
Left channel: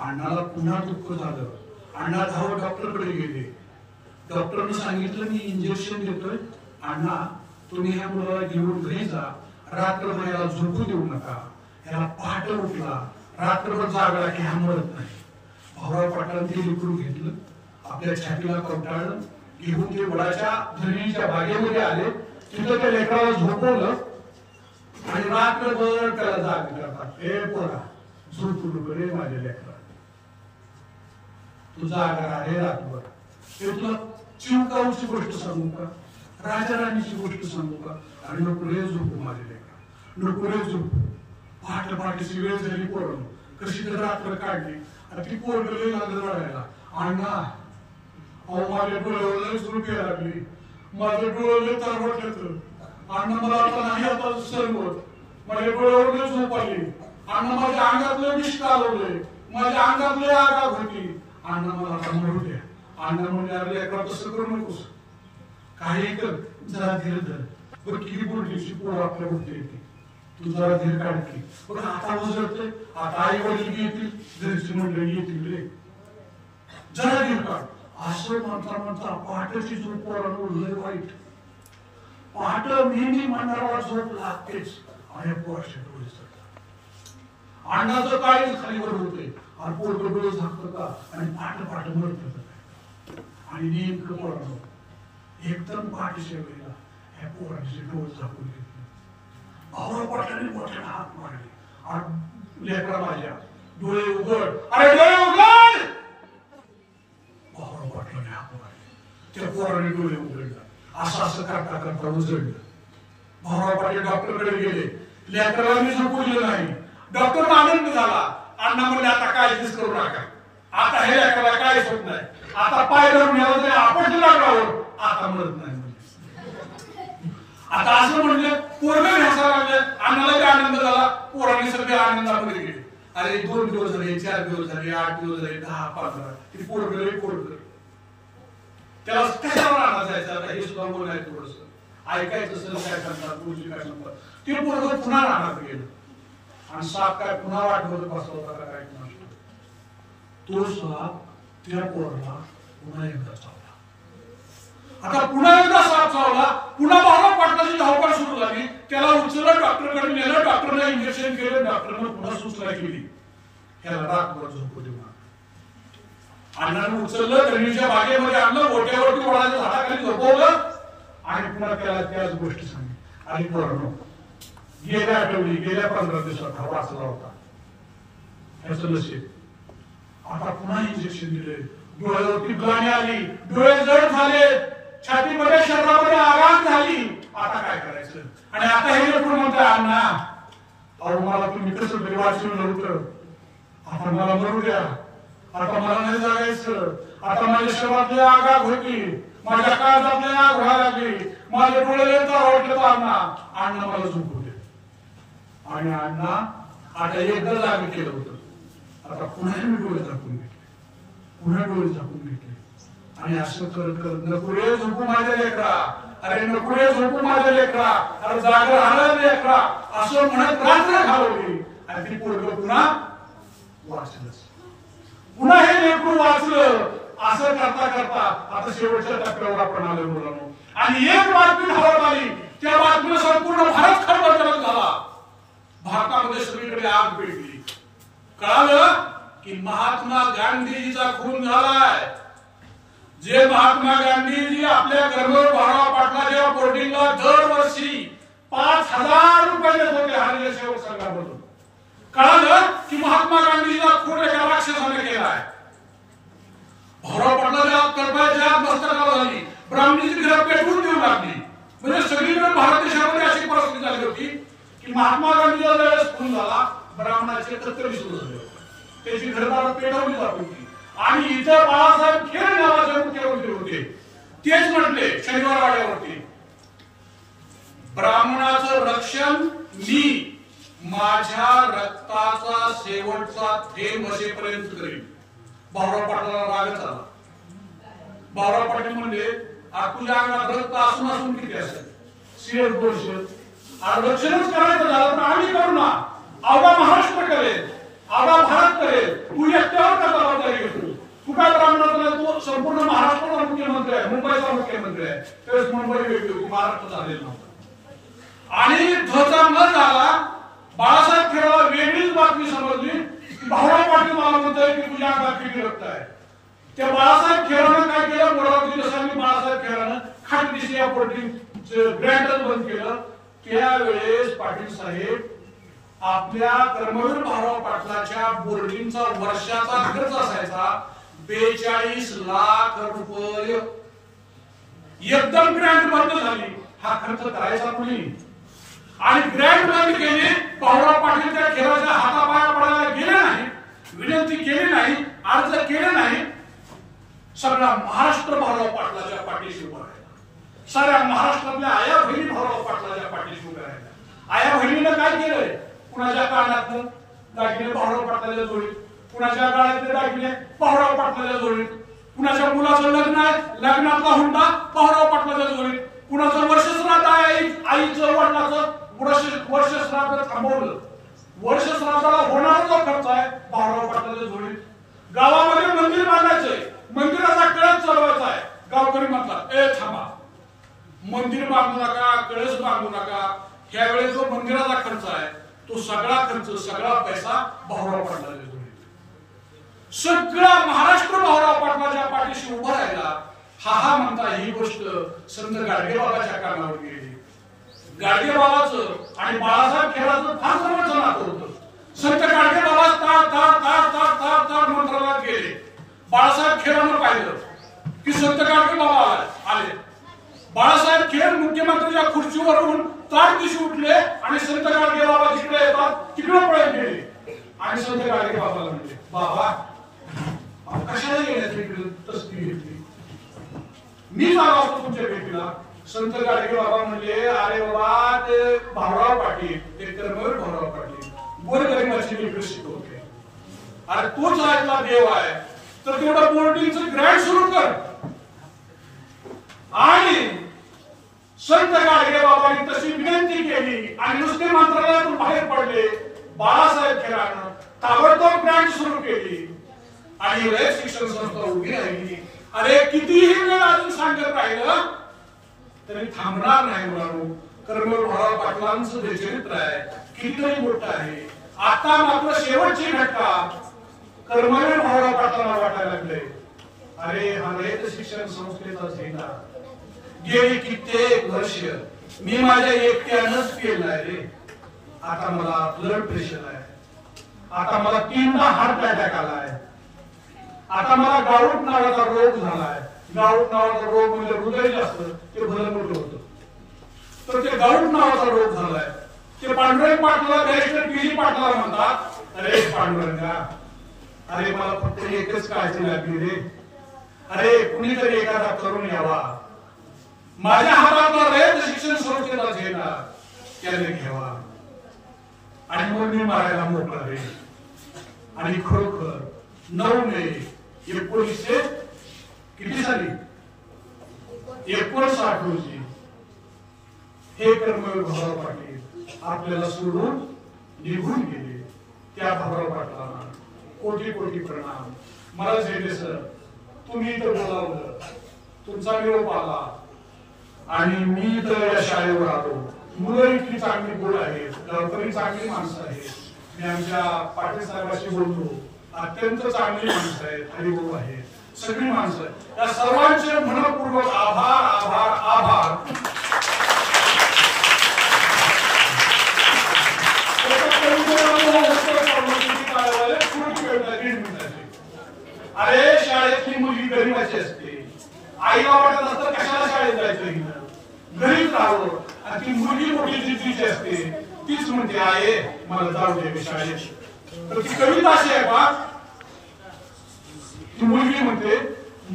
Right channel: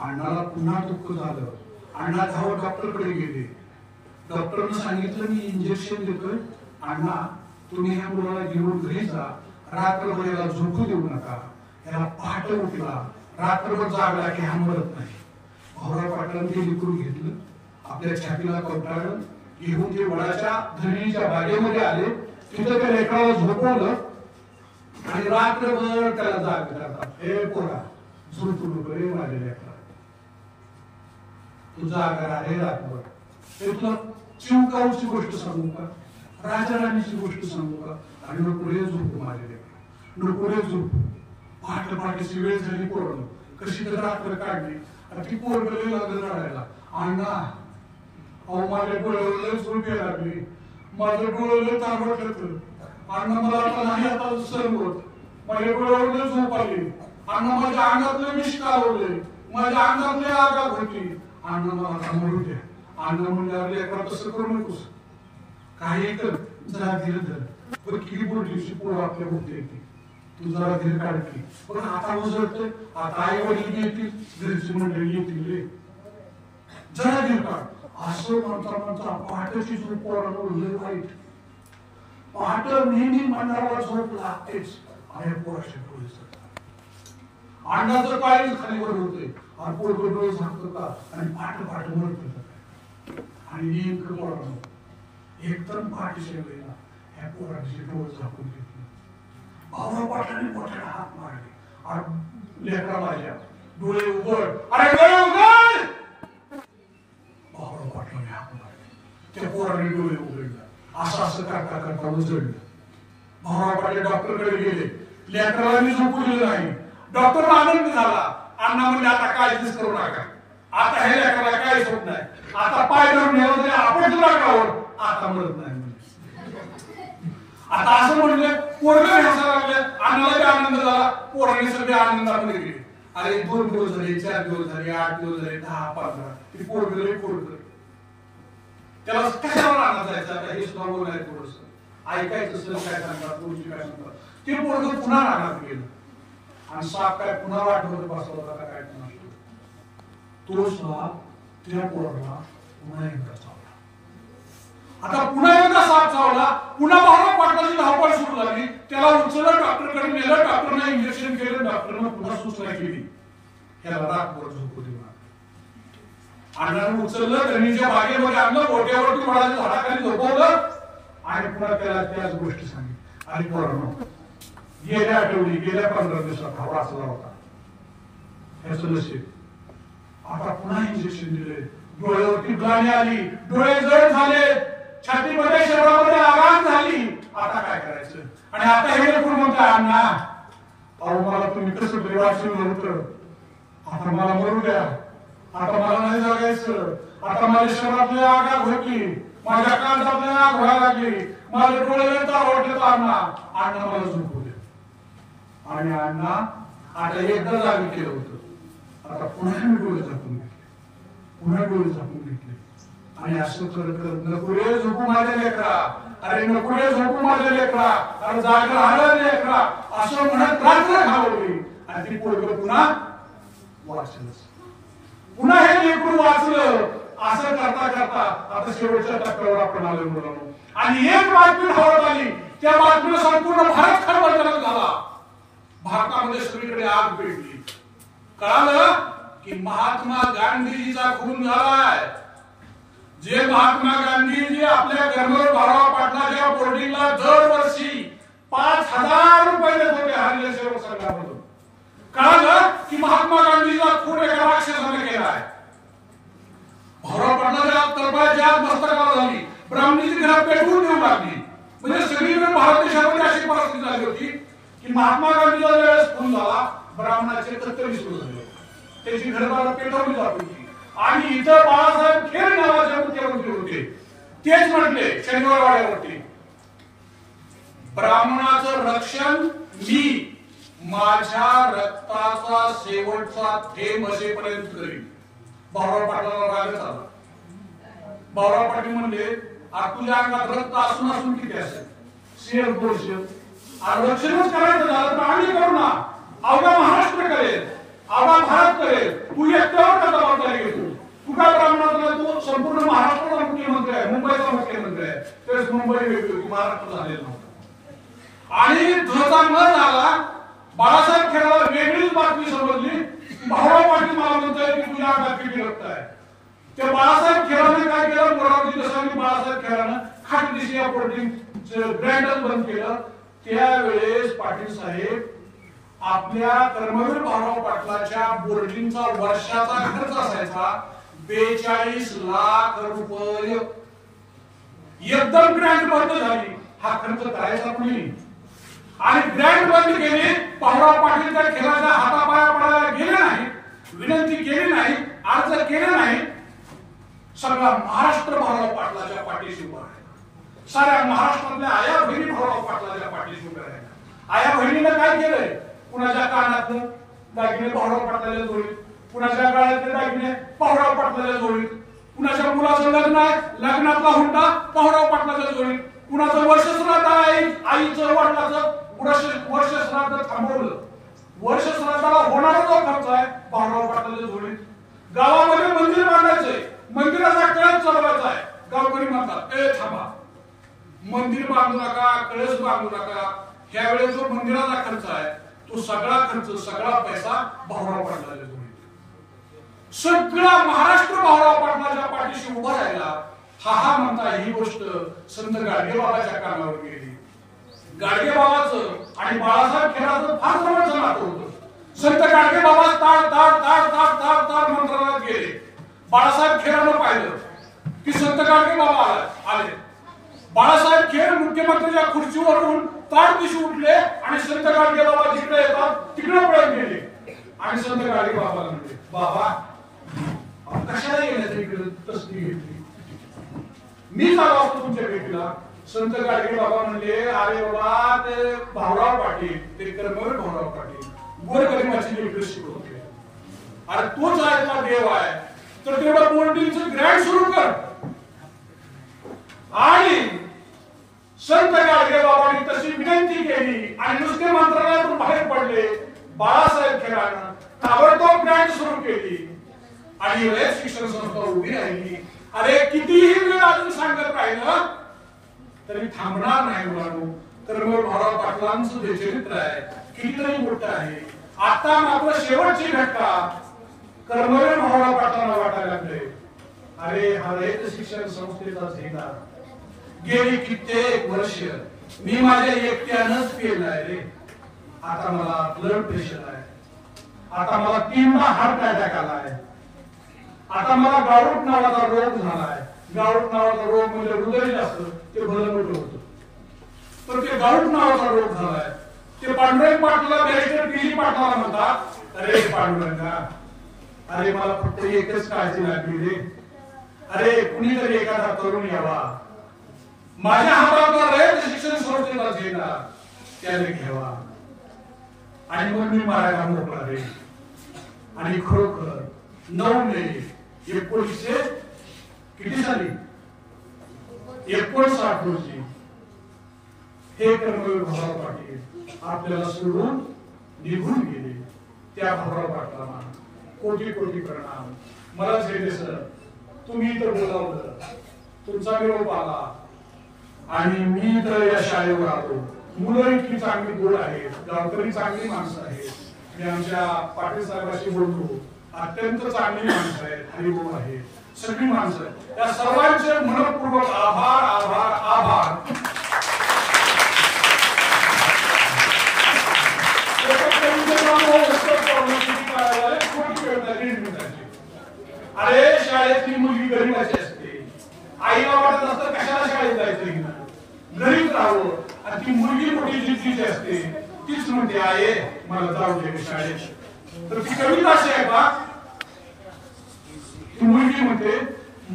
अण्णाला पुन्हा दुःख झालं. अण्णा धावत डॉक्टरकडे गेले. डॉक्टरने सांगितलं, मी इंजेक्शन देतोय, अण्णा तुम्ही ह्या मुलाला घेऊन घरी जा, रात्रभर याला झोपू देऊ नका. याला पहाटे उठला, रात्रभर जागला की हा मरत नाही. भाऊराव पाटलांनी ते लेकरू घेतलं, आपल्या छातीला कवटाळलं, घेऊन ते वडाच्या धरणीच्या बागेमध्ये आले. तिथं त्या लेकराला झोपवलं आणि रात्रभर त्याला जाग करतात, हे पोरा झोपू नको रे माझ्या लेकरा, तू जागा रे रात्रभर. हे तुला चिवकाऊची गोष्ट सांगू का, राजा राणीची गोष्ट सांगू का, आणि नको रे झोपू माझ्या लेकरा, नको रे झोपू. पहाटे पहाटेची वेळ झाली, पोरांनो कशी तर रात्र काढली. ती पोरगं लागलं रडायला, अण्णा अहो माझ्या डोळ्यावर झोप यायला लागली, माझं डोळे तारवट येतं. अण्णा मला आता नाही आता सहन होत. माझ्या डोळ्यावर झोप आली. अण्णा माझ्या अंगातलं विष कालवलंय. माझ्या अंगातले आगाग होती. अण्णा मला आता मरू द्या. अण्णा म्हणजे अरे लेकरा तसं करू नकोस, काही कर, जरा धीर धर. पण किती बोललीची पोर आपल्या बुद्धी येते, तू जरा धीर काढ की. पण आता उजळतंय, आता आई वडील बी येतील, घरची मंडळी येतील रे, जरा धीर काढ. असं म्हणता म्हणता पहाटेची झोप पोरानं लय वाईट. पहाट नेहमी म्हणणारा झोप लागतेच आणि पोराचे डोळे चढतात. अण्णाचं काळीच खालीवर होते आणि पोरग डोळे झाकतं का आणि फाट फाट मरतं का. आणि नेमकं पोरानं एकदम पहाटेच्या वेळेला ह्या पोराचे डोळे झाकून घेतले. भाऊराव पाटलांनी मोठ्याने हात मारले आणि लेकरा माझ्या डोळे उघड, अरे डोळे उघड. भाऊराव पाटलांनी हात मारले, त्या पोराने डोळे उघडला. असं असं करता करता उजळलं. भाऊराव पाटील डॉक्टरकडे गेले. लेकराला मी झोपू दिलं नाही. डॉक्टर आनंद झाला. अण्णा म्हणजे आता काय दिस करू नका, आता हे लेकराला काहीच होत नाही, आता पाय धरून नेला तरी आपण लागावर, आता मरत नाही म्हणजे. आता असं म्हणले पोरग हसायला लागले. अण्णाला बी आनंद झाला, पोरांनी सगळे आनंदामध्ये गेले. अरे 2 दिवस झाले, 4 दिवस झाले, 8 दिवस झाले, 10, 15 ते पोरग लय कोरकर. त्याला कशावर आणला जायचं आता हे सुद्धा बोल आहे. थोडस ऐकायचं सर काय सांगतात, गोष्टी काय सांगतात. ते पोरग पुन्हा रानात गेलं आणि साप काय पुन्हा वाटमध्ये बसला होता का काय कुणास ठाऊक. तो साप त्या पोराला पुन्हा एकदा चावला. आता पुन्हा एकदा साप चावला. पुन्हा भाऊराव पाटलाची धावपळ सुरू झाली. त्याला उचललं, डॉक्टरकडे नेलं. डॉक्टरने इंजेक्शन केलं. डॉक्टरने पुन्हा सूचना केली, ह्याला रातभर झोपू देऊ नका. अण्णाने उचललं, गणेशच्या बागेमध्ये आणलं, गोट्यावरती वडाच्या झाडाखाली झोपवलं आणि पुन्हा त्याला त्याच गोष्टी सांगितली. आणि पोरांनो, गेल्या आठवडी, गेल्या 15 दिवसात हा वाचला होता. ह्याचं नशीब. आता पुन्हा इंजेक्शन दिले, डोळ्यावरती ग्लानी आली, डोळे जड झाले, छातीमध्ये शरीरामध्ये आघात झाली. आता काय करायचं. आणि आता हे लेकरू म्हणतोय, अण्णा अहो मला तुम्ही कसं तरी वाचवलं होतं, आता मला मरू द्या, आता मला नाही जगायचं. आता माझ्या शरीरातली आगाग होती, माझ्या काळजातली आग व्हायला लागली, माझे डोळे येतात वाटलं तर अण्णा मला झोपू दे. आणि अण्णा आता एकदा जागे केलं होतं. आता पुन्हा मी डोळे झाकून घेतले, पुन्हा डोळे झाकून घेतले. आणि असं करत करत नको रे झोपू माझ्या लेकरा, अरे नको रे झोपू माझ्या लेकरा, अरे जागा राहणार लेकरा, असं म्हणत रात्र घालवली. आणि ती पोरग पुन्हा वाचलंच. पुन्हा हे लेकरू वाचलं. असं करता करता आता शेवटच्या टप्प्यावर आपण आलोय मुलांनो. आणि एक बातमी हावत आली. त्या बातमीला संपूर्ण भारत खळबळजनक झाला. भारतामध्ये सगळीकडे आग पेटली. कळालं की महात्मा गांधीजीचा खून झालाय. जे महात्मा गांधीजी आपल्या कर्मवीर भाऊराव पाटलाच्या बोर्डिंगला दरवर्षी 5,000 रुपये देत होते हरिजन सेवक संघामधून. कळालं की महात्मा गांधीचा खून एका राक्षसाने केलाय. भाऊराव पाटलाच्या तळपायाच्या मस्तकाला झाली. ब्राह्मणीची घरं पेटवून देऊ लागली. म्हणजे सगळीकडे भारत देशामध्ये अशी परिस्थिती झाली होती की महात्मा गांधीचा ज्यावेळेस खून झाला, ब्राह्मणाचे कत्तली सुरू झाले होते, त्याची घरदारं पेटवली जात होती. आणि इथं बाळासाहेब खेर नावाचे मुख्यमंत्री होते. तेच म्हटले शनिवार वाड्यावरती, ब्राह्मणाचं रक्षण मी माझ्या रक्ताचा शेवटचा थेंब असेपर्यंत करीन. भाऊराव पाटलाला रागच आला. भाऊराव पाटील म्हणजे तुझ्या अंगात रक्त असून असून किती असेल, 100 200, आरक्षणच करायचं झालं तर आम्ही करू ना, अवघा महाराष्ट्र करेल, अवघा भारत करेल, तू एकट्यावर का जबाबदारी घेतो. तू काय ब्राह्मणाचा, तू संपूर्ण महाराष्ट्राचा मुख्यमंत्री आहे, मुंबईचा मुख्यमंत्री आहे. त्यावेळेस मुंबई वेगळी होती, महाराष्ट्र झालेला नव्हता. आणि ध्वजा न झाला, बाळासाहेब खेळाला वेगळीच बातमी समजली. भाऊराव पाटील मला म्हणतोय की तुझ्या अंगात किती रक्त आहे. त्या बाळासाहेब खेळाने काय केलं, मोरावरती दसांनी बाळासाहेब खेळानं खाटदिशी या प्रोटीन ग्रँडच बंद केलं. त्यावेळेस पाटील साहेब आपल्या कर्मवीर भाऊराव पाटलाच्या बोर्डिंगचा वर्षाचा खर्च असायचा 42 लाख रुपये. एकदम ग्रँड बंद झाली. हा खर्च करायचा कुणी. आणि ग्रँड बंद केली. भाऊराव पाटील त्या खेळाच्या हातापाया पडायला गेले नाही, विनंती केली नाही, अर्ज केले नाही. सगळा महाराष्ट्र भाऊराव पाटलाच्या पाठीशी उभा राहिला. साऱ्या महाराष्ट्रातल्या आया बहिणी भाऊराव पाटलाच्या पाठीशी उभ्या राहिल्या. आया बहिणीनं काय केलंय? कुणाच्या कानातलं दागिने भाऊराव पाटलाच्या जोडीत, कुणाच्या काळातले दागिने भाऊराव पाटलाच्या जोडीत, कुणाच्या मुलाचं लग्न आहे लग्नातला हुंडा भाऊराव पाटलाच्या जोडीत, कुणाचं वर्षश्राद्ध आहे आईचं वडिलाचं वर्षश्राद्ध थांबवलं. वर्षश्राद्धाला होणारा जो खर्च आहे भाऊराव पाटलाच्या जोडीत. गावामध्ये मंदिर बांधायचंय, मंदिराचा कळस चालवायचा आहे. गावकरी म्हणतात ए थांबा, मंदिर बांधू नका, कळस बांधू नका. त्यावेळेस जो मंदिराचा खर्च आहे तो सगळा खर्च सगळा पैसा भाऊराव पाटलाच्या जोडीत. सगळा महाराष्ट्र भाऊराव पाटलाच्या पाठीशी उभा राहिला. हा म्हणता ही गोष्ट संत गाडगेबाबाच्या कानावर गेली. गाडगेबाबाचं आणि बाळासाहेब खेराचं फार जवळचं नातं होतं. संत गाडगेबाबा ताड ताड ताड ताड ताड ताड मंत्रालयात गेले. बाळासाहेब खेरानं पाहिलं की संत गाडगेबाबा आले. बाळासाहेब खेर मुख्यमंत्र्यांच्या खुर्चीवरून ताड दिशी उठले आणि संत गाडगेबाबा जिकडे येतात तिकडे पळत गेले आणि संत गाडगेबाबाला म्हणले बाबा कशाला गेल्याची तस्ती घेतली, मी जागा असतो तुमच्या भेटीला. संत गाडगेबाबा म्हणले अरे बाबा ते भाऊराव पाटील, ते कर्मवीर भाऊराव पाटील गोरगरिबाची लेकरं शिकवते. अरे तोच आहे देव आहे तर तेवढं बोर्डिंगचं ग्रँड सुरू कर. आणि संत गाडगेबाबांनी तशी विनंती केली आणि नुसते मंत्रालयातून बाहेर पडले. बाळासाहेब खेरानं ताबडतोब ग्रँड सुरू केली आणि रयत शिक्षण संस्था उभी राहिली. अरे कितीही वेळ अजून सांगत राहिलं तरी थांबणार नाही मुलांनो. कर्मवीर भाऊराव पाटलांचं जे चरित्र आहे कितीतरी मोठं आहे. आता मात्र शेवटची घटका कर्मवीर भाऊराव पाटलांना वाटायला लागले अरे हा रयत शिक्षण संस्थेचा झेंडा गेली कित्येक वर्ष मी माझ्या एकट्यानंच केलाय रे. आता मला ब्लड प्रेशर आहे, आता मला 3दा हार्ट अटॅक आलाय, आता मला गाऊट नावाचा रोग झालाय. गाऊट नावाचा रोग म्हणजे हृदय जास्त ते भलं मोठं होतं तर ते गाऊट नावाचा रोग झालाय. ते पांडुरंग पाटला बॅरिस्टर पीजी पाटला म्हणतात अरे पांडुरंगा अरे मला फक्त एकच काळजी लागली रे. अरे कुणीतरी एखादा तरुण यावा, माझ्या हातातला रयत शिक्षण संस्थेचा झेंडा त्याने घ्यावा आणि मग मी मारायला मोकळा रे. आणि खरोखर 9 मे 1900 किती साली 59 रोजी हे कर्मवीर भाऊराव पाटील आपल्याला सोडून निघून गेले. त्या भाऊराव पाटलांना कोटी कोटी प्रणाम. मला झेंडे सर तुम्ही इथं बोलावलं, तुमचा निरोप आला आणि मी तर या शाळेवर आलो. मुलं इतकी चांगली गोड आहेत, गावकरी चांगली माणसं आहेत. मी आमच्या पाटील साहेबांशी बोललो, अत्यंत चांगली माणसं आहेत, हरिभाऊ आहेत, सगळी माणसं. या सर्वांचे मनपूर्वक आभार आभार आभार. अरे शाळेतली मुलगी गरीबाची असते, आईला वाटत असतं कशाला शाळेत जायचं हिनं, घरीच राहावं. आणि ती मुलगी मोठी जिद्दीची असते, तीच म्हणते आहे मला जाऊ दे शाळेत. तर ती कविता अशी आहे का, ती मुलगी म्हणते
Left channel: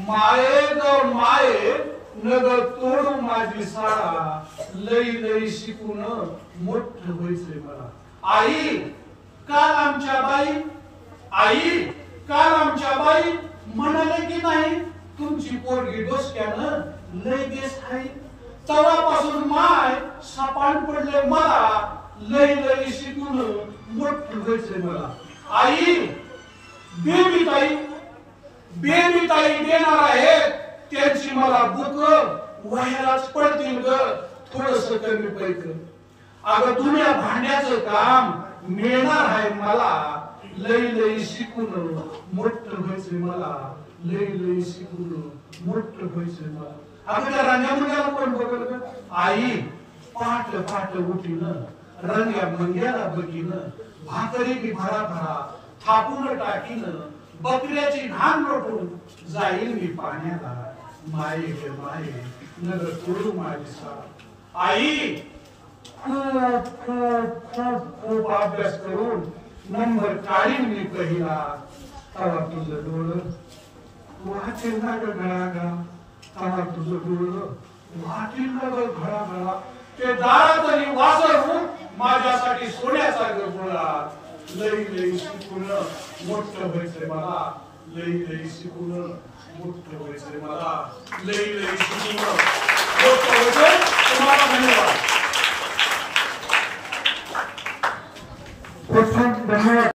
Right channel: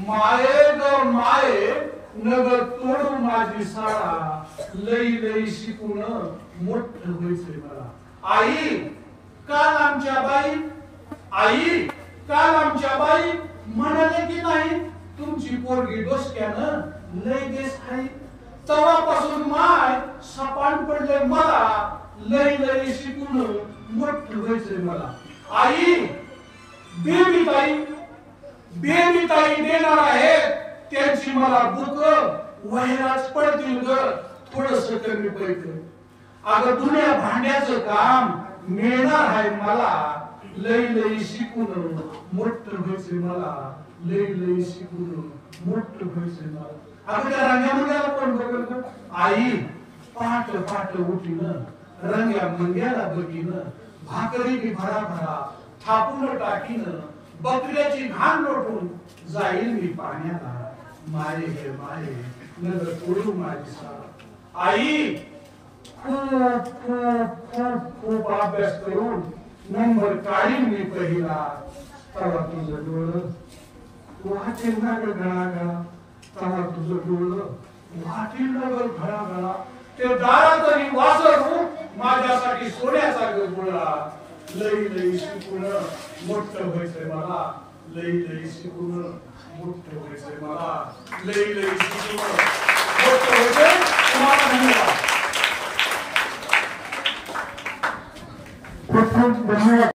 माये ग माये नग तोडू माझी शाळा, लई लई शिकून मोठं व्हायचंय मला. आई काल आमच्या बाई, आई काल आमच्या बाई म्हणाले की नाही तुमची पोरगी डोसक्यानं लई देश आहे. तवापासून माय सापान पडले मला, लई लई शिकून मोठं व्हायचंय मला. आई बेबी ताई देणार आहेत त्यांची मला बुक व्हायलाच पडतील ग थोडस कमी पैक. अगं दुनिया भांड्याचं काम मिळणार आहे मला, लई लई शिकून मोठं व्हायचंय मला, लई लई शिकून मोठं व्हायचंय मला. अगं त्या रंग्या मंग्याला कोण बघल ग. आई पाट पाट उठीन रंग्या मंग्याला बघीन, भाकरी बी भरा भरा थापून टाकीन, बकऱ्याची घाण लोटून जाईल मी पाण्याला. माये गे माये नगर तोडू माझी शाळा. आई खूप खूप खूप खूप अभ्यास करून नंबर काढीन मी पहिला, तवा तुझं डोळं वाचेल ना ग गळागा, तवा तुझं डोळं वाटील नगर घळा ते दारात आणि वाजरून माझ्यासाठी सोन्याचा गळा लई लई शिकून मोठं व्हायचंय मला लई लई शिकून मोठं व्हायचंय मला लई लई शिकून मोठं व्हायचंय तुम्हाला धन्यवाद खूप खूप धन्यवाद.